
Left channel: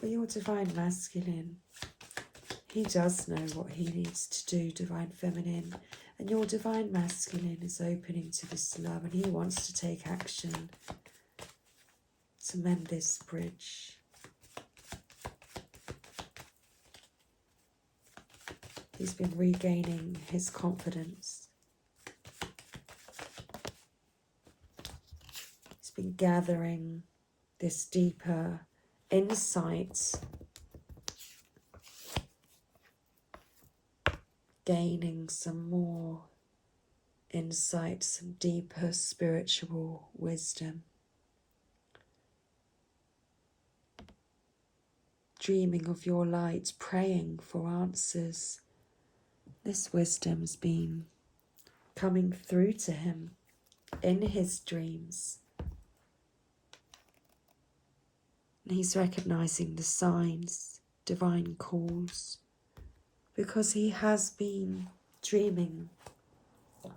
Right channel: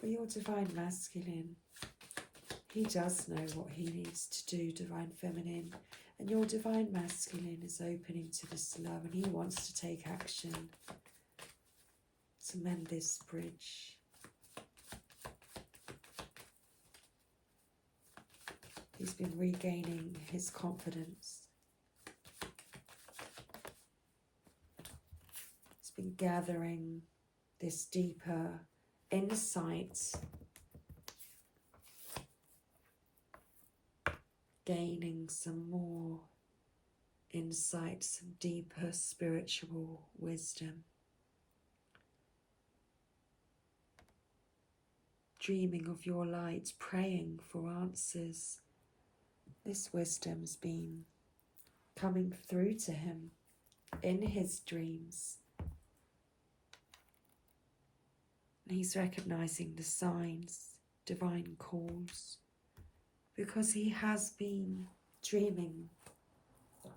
Well, your Divine Masculine, he does know what he needs to do, Divine Feminine. And your Divine Masculine is opening to this love, and he wants to take action to mend this bridge. He's been regaining his confidence. He's been gathering this deeper insight, gaining some more insight, some deeper spiritual wisdom. Dreaming of your light, praying for answers. This wisdom's been coming through to him in his dreams. And he's recognizing the signs, divine calls, because he has been dreaming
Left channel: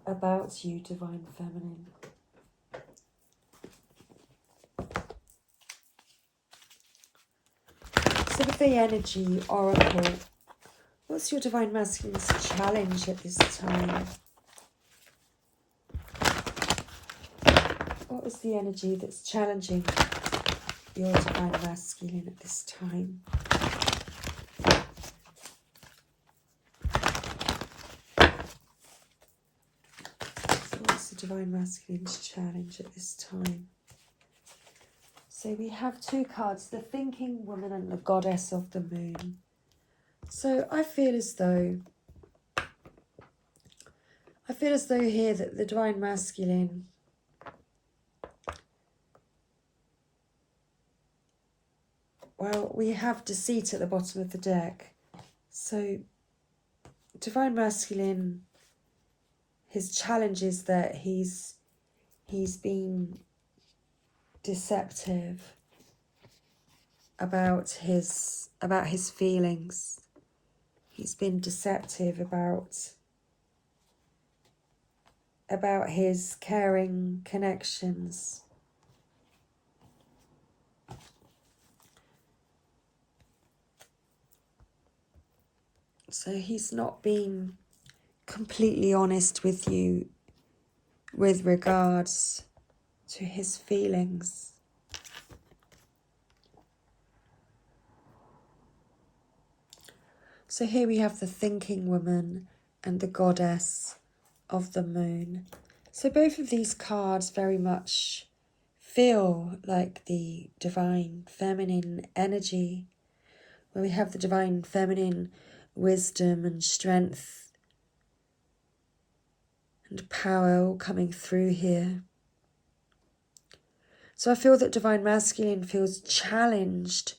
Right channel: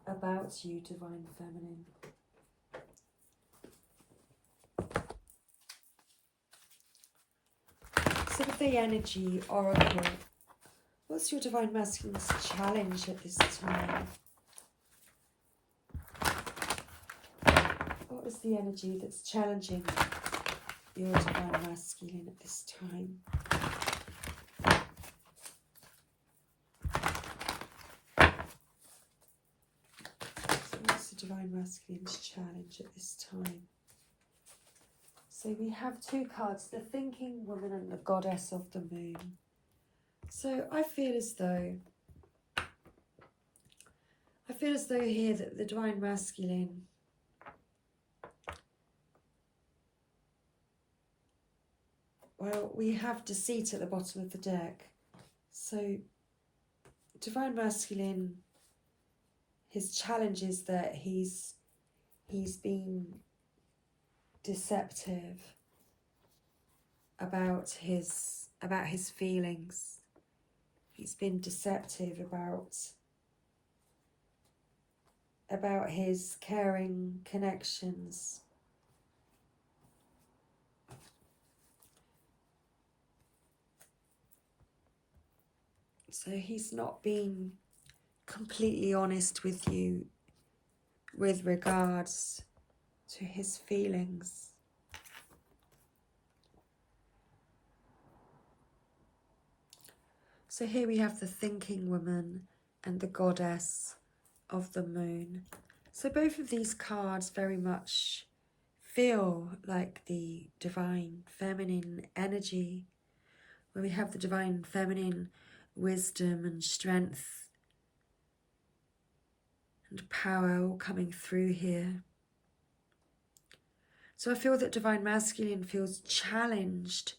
about you, Divine Feminine. So with the energy oracle, what's your Divine Masculine's challenge at this time? What is the energy that's challenging your Divine Masculine at this time? So what's the Divine Masculine's challenge at this time? So we have two cards, the Thinking Woman and the Goddess of the Moon. So I feel as though here that the Divine Masculine well, we have Deceit at the bottom of the deck. So Divine Masculine, his challenge is that he's been deceptive about his feelings. He's been deceptive about his caring connections. So he's not been completely honest with you with regards to his feelings. So here we have the Thinking Woman and the Goddess of the Moon. So both of these cards very much feel like the Divine Feminine energy, where we have the Divine Feminine wisdom and strength and power all coming through here. So I feel that Divine Masculine feels challenged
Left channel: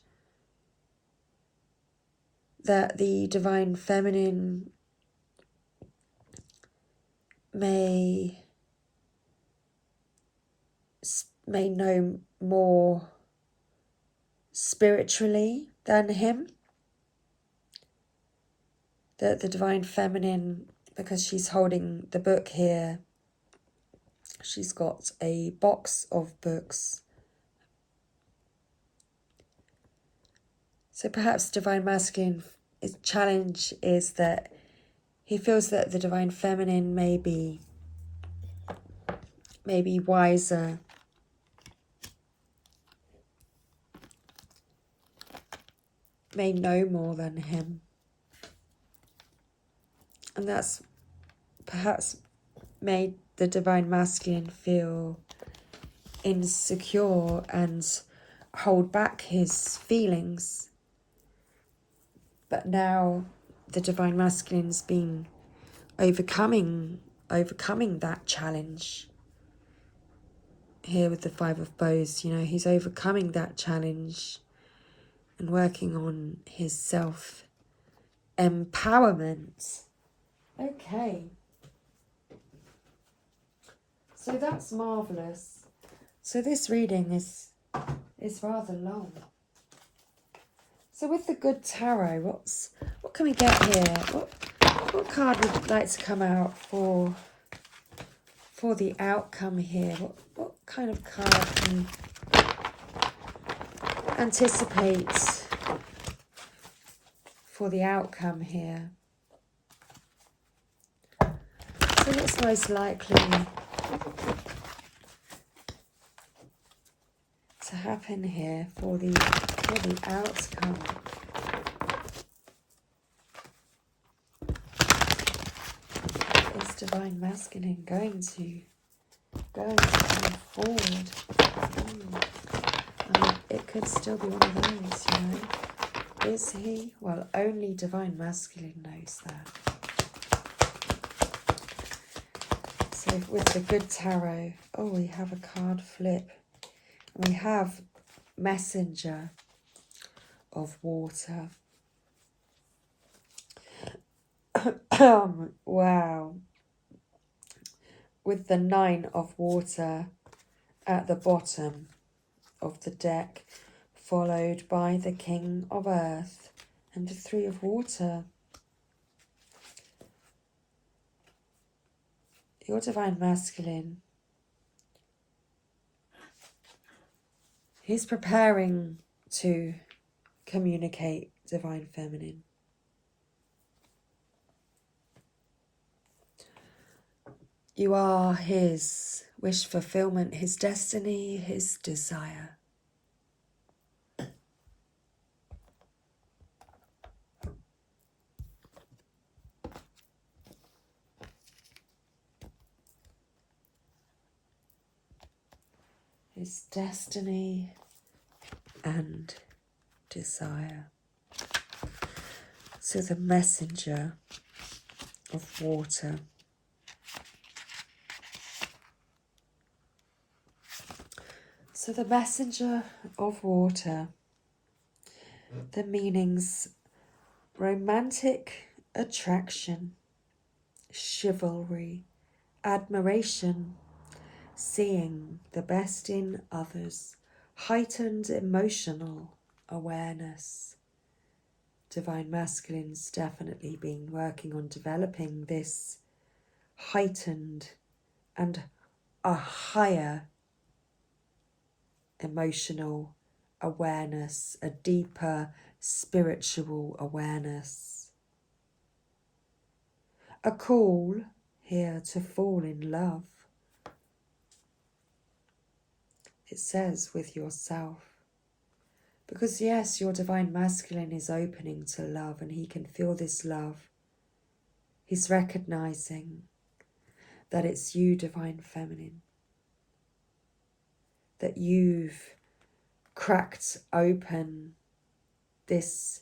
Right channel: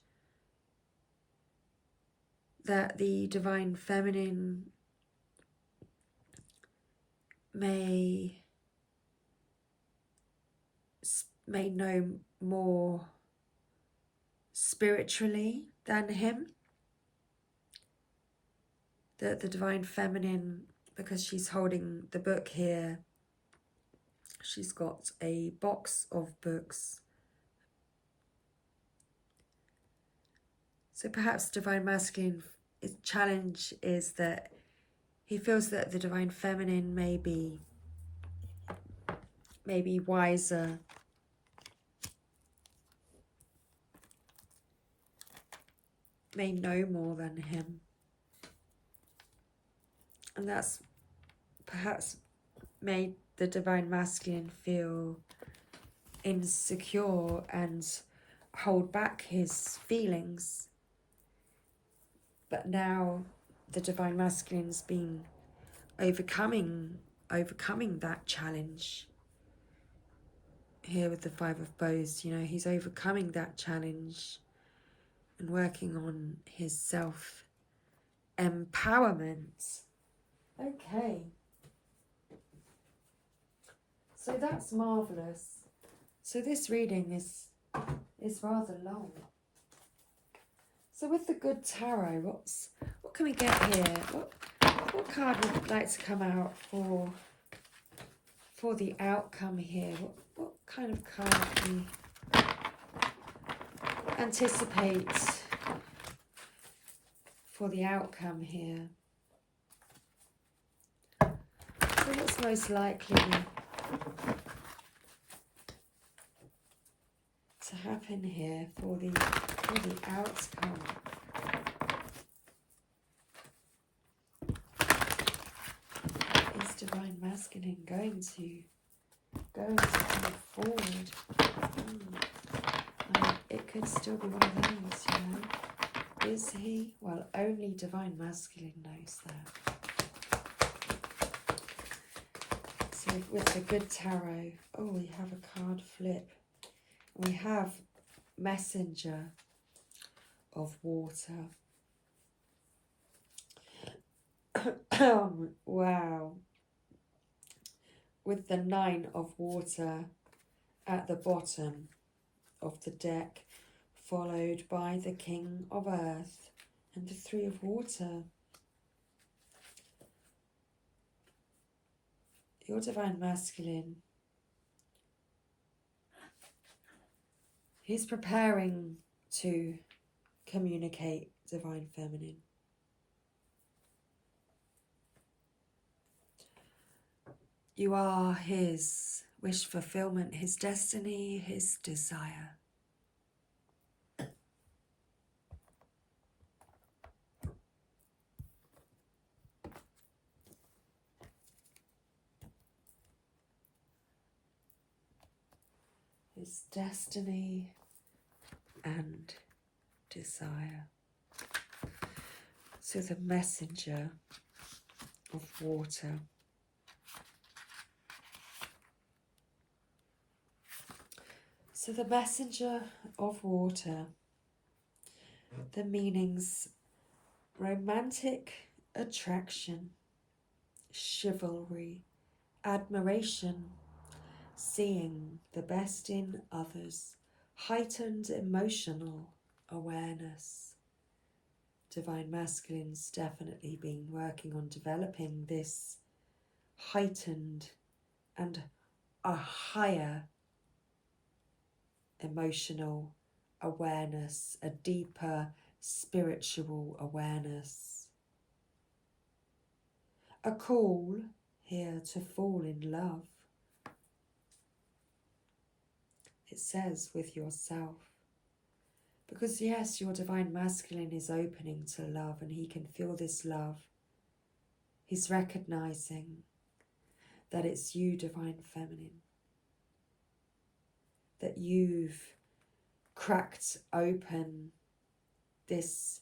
that the Divine Feminine may know more spiritually than him. The Divine Feminine, because she's holding the book here, she's got a box of books. So perhaps Divine Masculine, his challenge is that he feels that the Divine Feminine may be wiser, may know more than him. And that's perhaps made the Divine Masculine feel insecure and hold back his feelings. But now the Divine Masculine's been overcoming that challenge. Here with the Five of Bows, you know, he's overcoming that challenge and working on his self-empowerment. Okay. So that's marvellous. So this reading is rather long. So with the Good Tarot, what can we get here? What card would like to come out for the outcome here? What kind of card can you anticipate for the outcome here? So what's most likely to happen here for the outcome? Is Divine Masculine going to come forward? I mean, it could still be one of those, you know. Is he? Well, only Divine Masculine knows that. So with the Good Tarot, oh, we have a card flip. We have Messenger of Water. Wow. With the Nine of Water at the bottom of the deck, followed by the King of Earth and the Three of Water. Your Divine Masculine, he's preparing to communicate Divine Feminine. You are his wish fulfillment, his destiny, his desire. His destiny and desire. So the Messenger of Water. So the Messenger of Water, the meanings: romantic attraction, chivalry, admiration, seeing the best in others, heightened emotional awareness. Divine Masculine's definitely been working on developing this heightened and a higher emotional awareness, a deeper spiritual awareness. A call here to fall in love. It says with yourself. Because yes, your Divine Masculine is opening to love and he can feel this love. He's recognizing that it's you, Divine Feminine. That you've cracked open his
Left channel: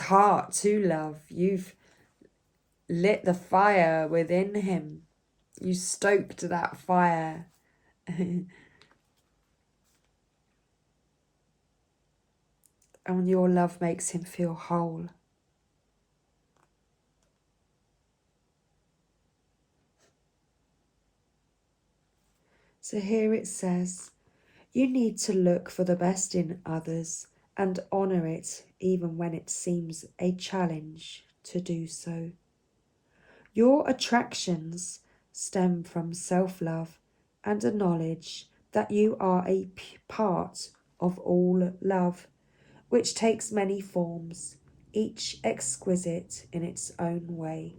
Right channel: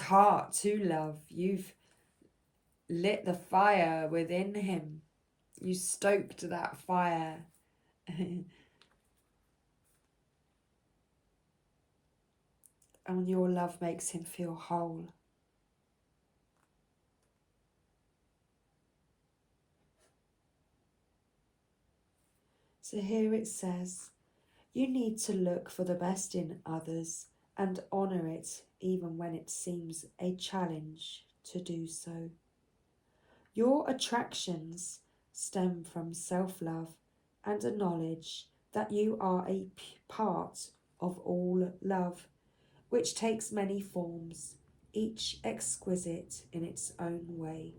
heart to love. You've lit the fire within him. You stoked that fire. And your love makes him feel whole. So here it says, you need to look for the best in others and honour it even when it seems a challenge to do so. Your attractions stem from self-love and a knowledge that you are a part of all love, which takes many forms, each exquisite in its own way.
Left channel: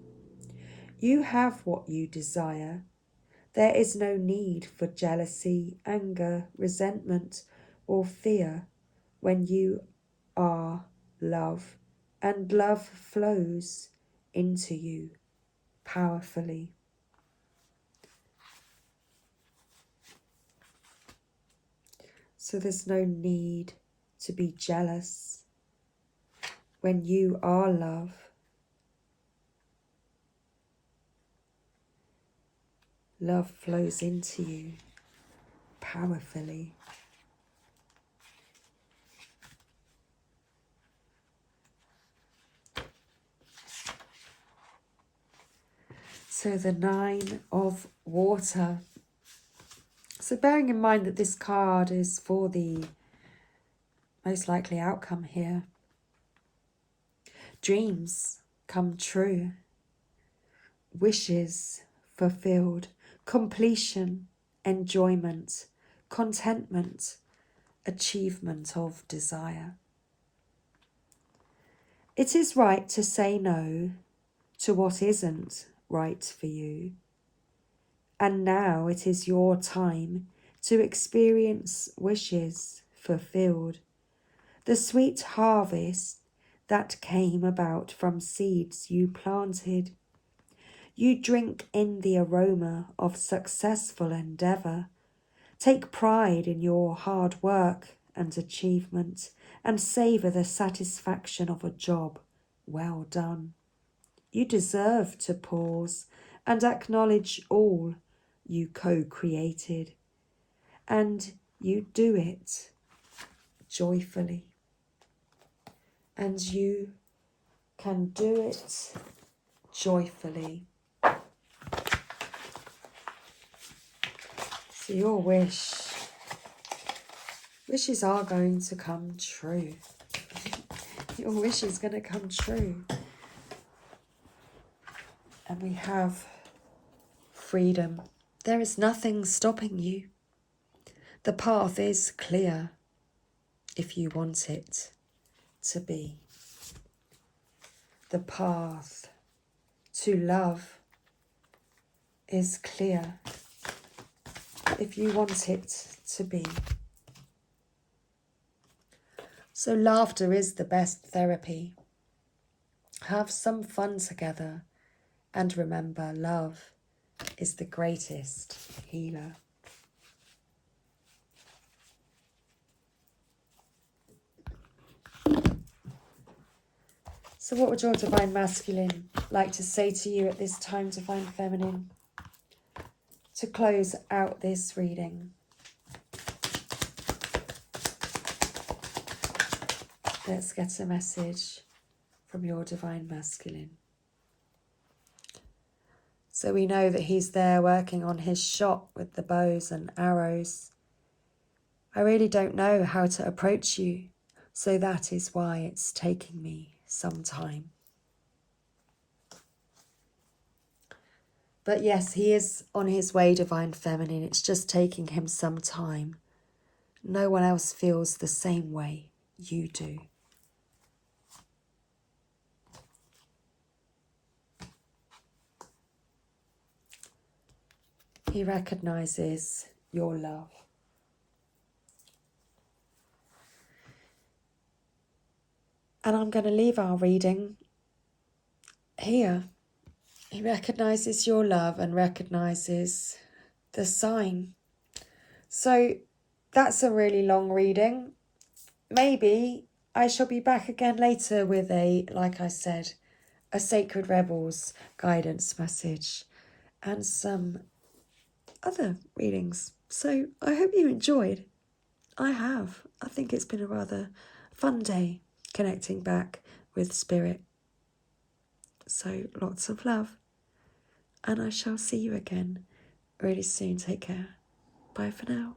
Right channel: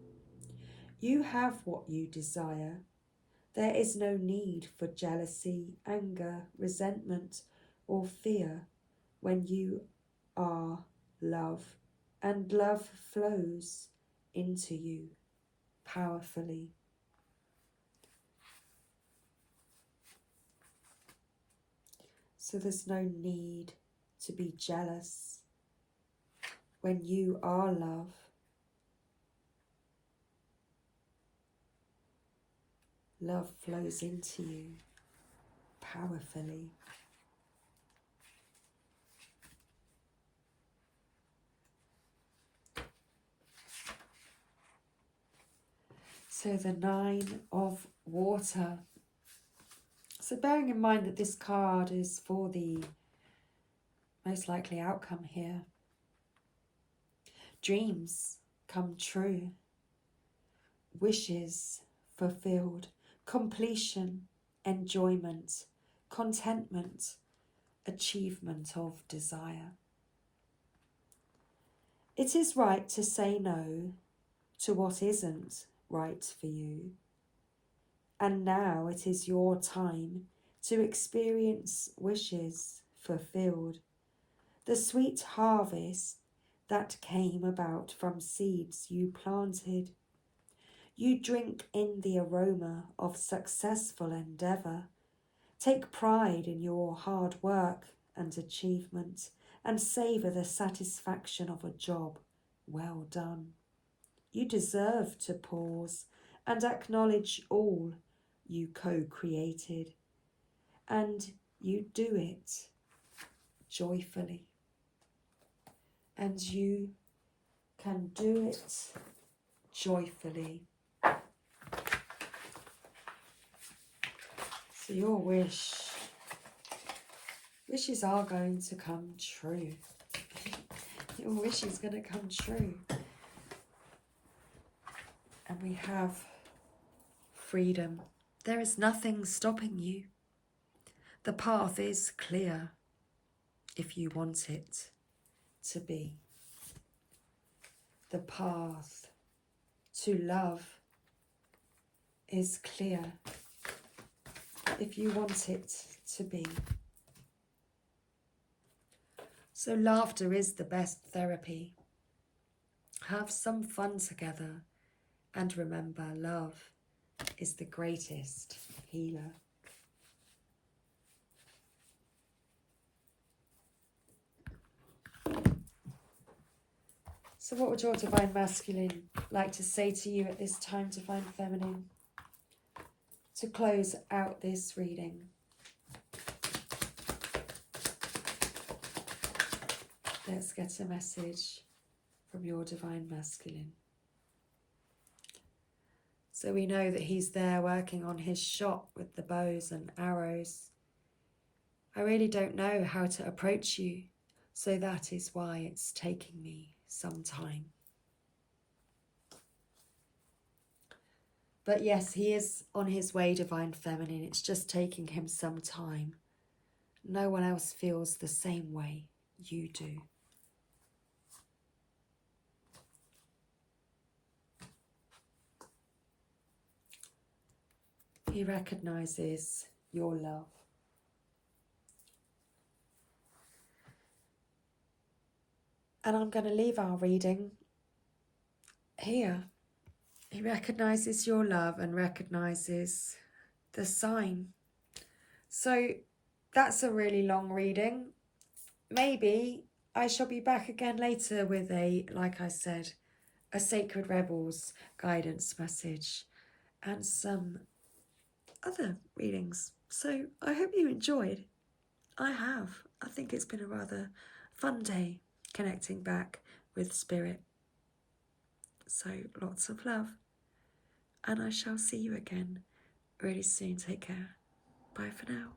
You have what you desire. There is no need for jealousy, anger, resentment, or fear when you are love, and love flows into you powerfully. So there's no need to be jealous when you are love. Love flows into you powerfully. So the Nine of Water. So bearing in mind that this card is for the most likely outcome here. Dreams come true. Wishes fulfilled. Completion, enjoyment, contentment, achievement of desire. It is right to say no to what isn't right for you. And now it is your time to experience wishes fulfilled. The sweet harvest that came about from seeds you planted. You drink in the aroma of successful endeavour. Take pride in your hard work and achievement, and savour the satisfaction of a job well done. You deserve to pause and acknowledge all you co-created, and you do it joyfully. And you can do it joyfully. So your wishes are going to come true. Your wish is going to come true. And we have freedom. There is nothing stopping you. The path is clear if you want it to be. The path to love is clear if you want it to be. So laughter is the best therapy. Have some fun together, and remember, love is the greatest healer. So what would your Divine Masculine like to say to you at this time, Divine Feminine, to close out this reading? Let's get a message from your Divine Masculine. So we know that he's there working on his shop with the bows and arrows. I really don't know how to approach you, so that is why it's taking me some time. But yes, he is on his way, Divine Feminine. It's just taking him some time. No one else feels the same way you do. He recognizes your love. And I'm going to leave our reading here. He recognizes your love and recognizes the sign. So that's a really long reading. Maybe I shall be back again later with like I said, a Sacred Rebels guidance message and some other readings. So I hope you enjoyed. I have. I think it's been a rather fun day connecting back with Spirit. So lots of love. And I shall see you again really soon. Take care. Bye for now.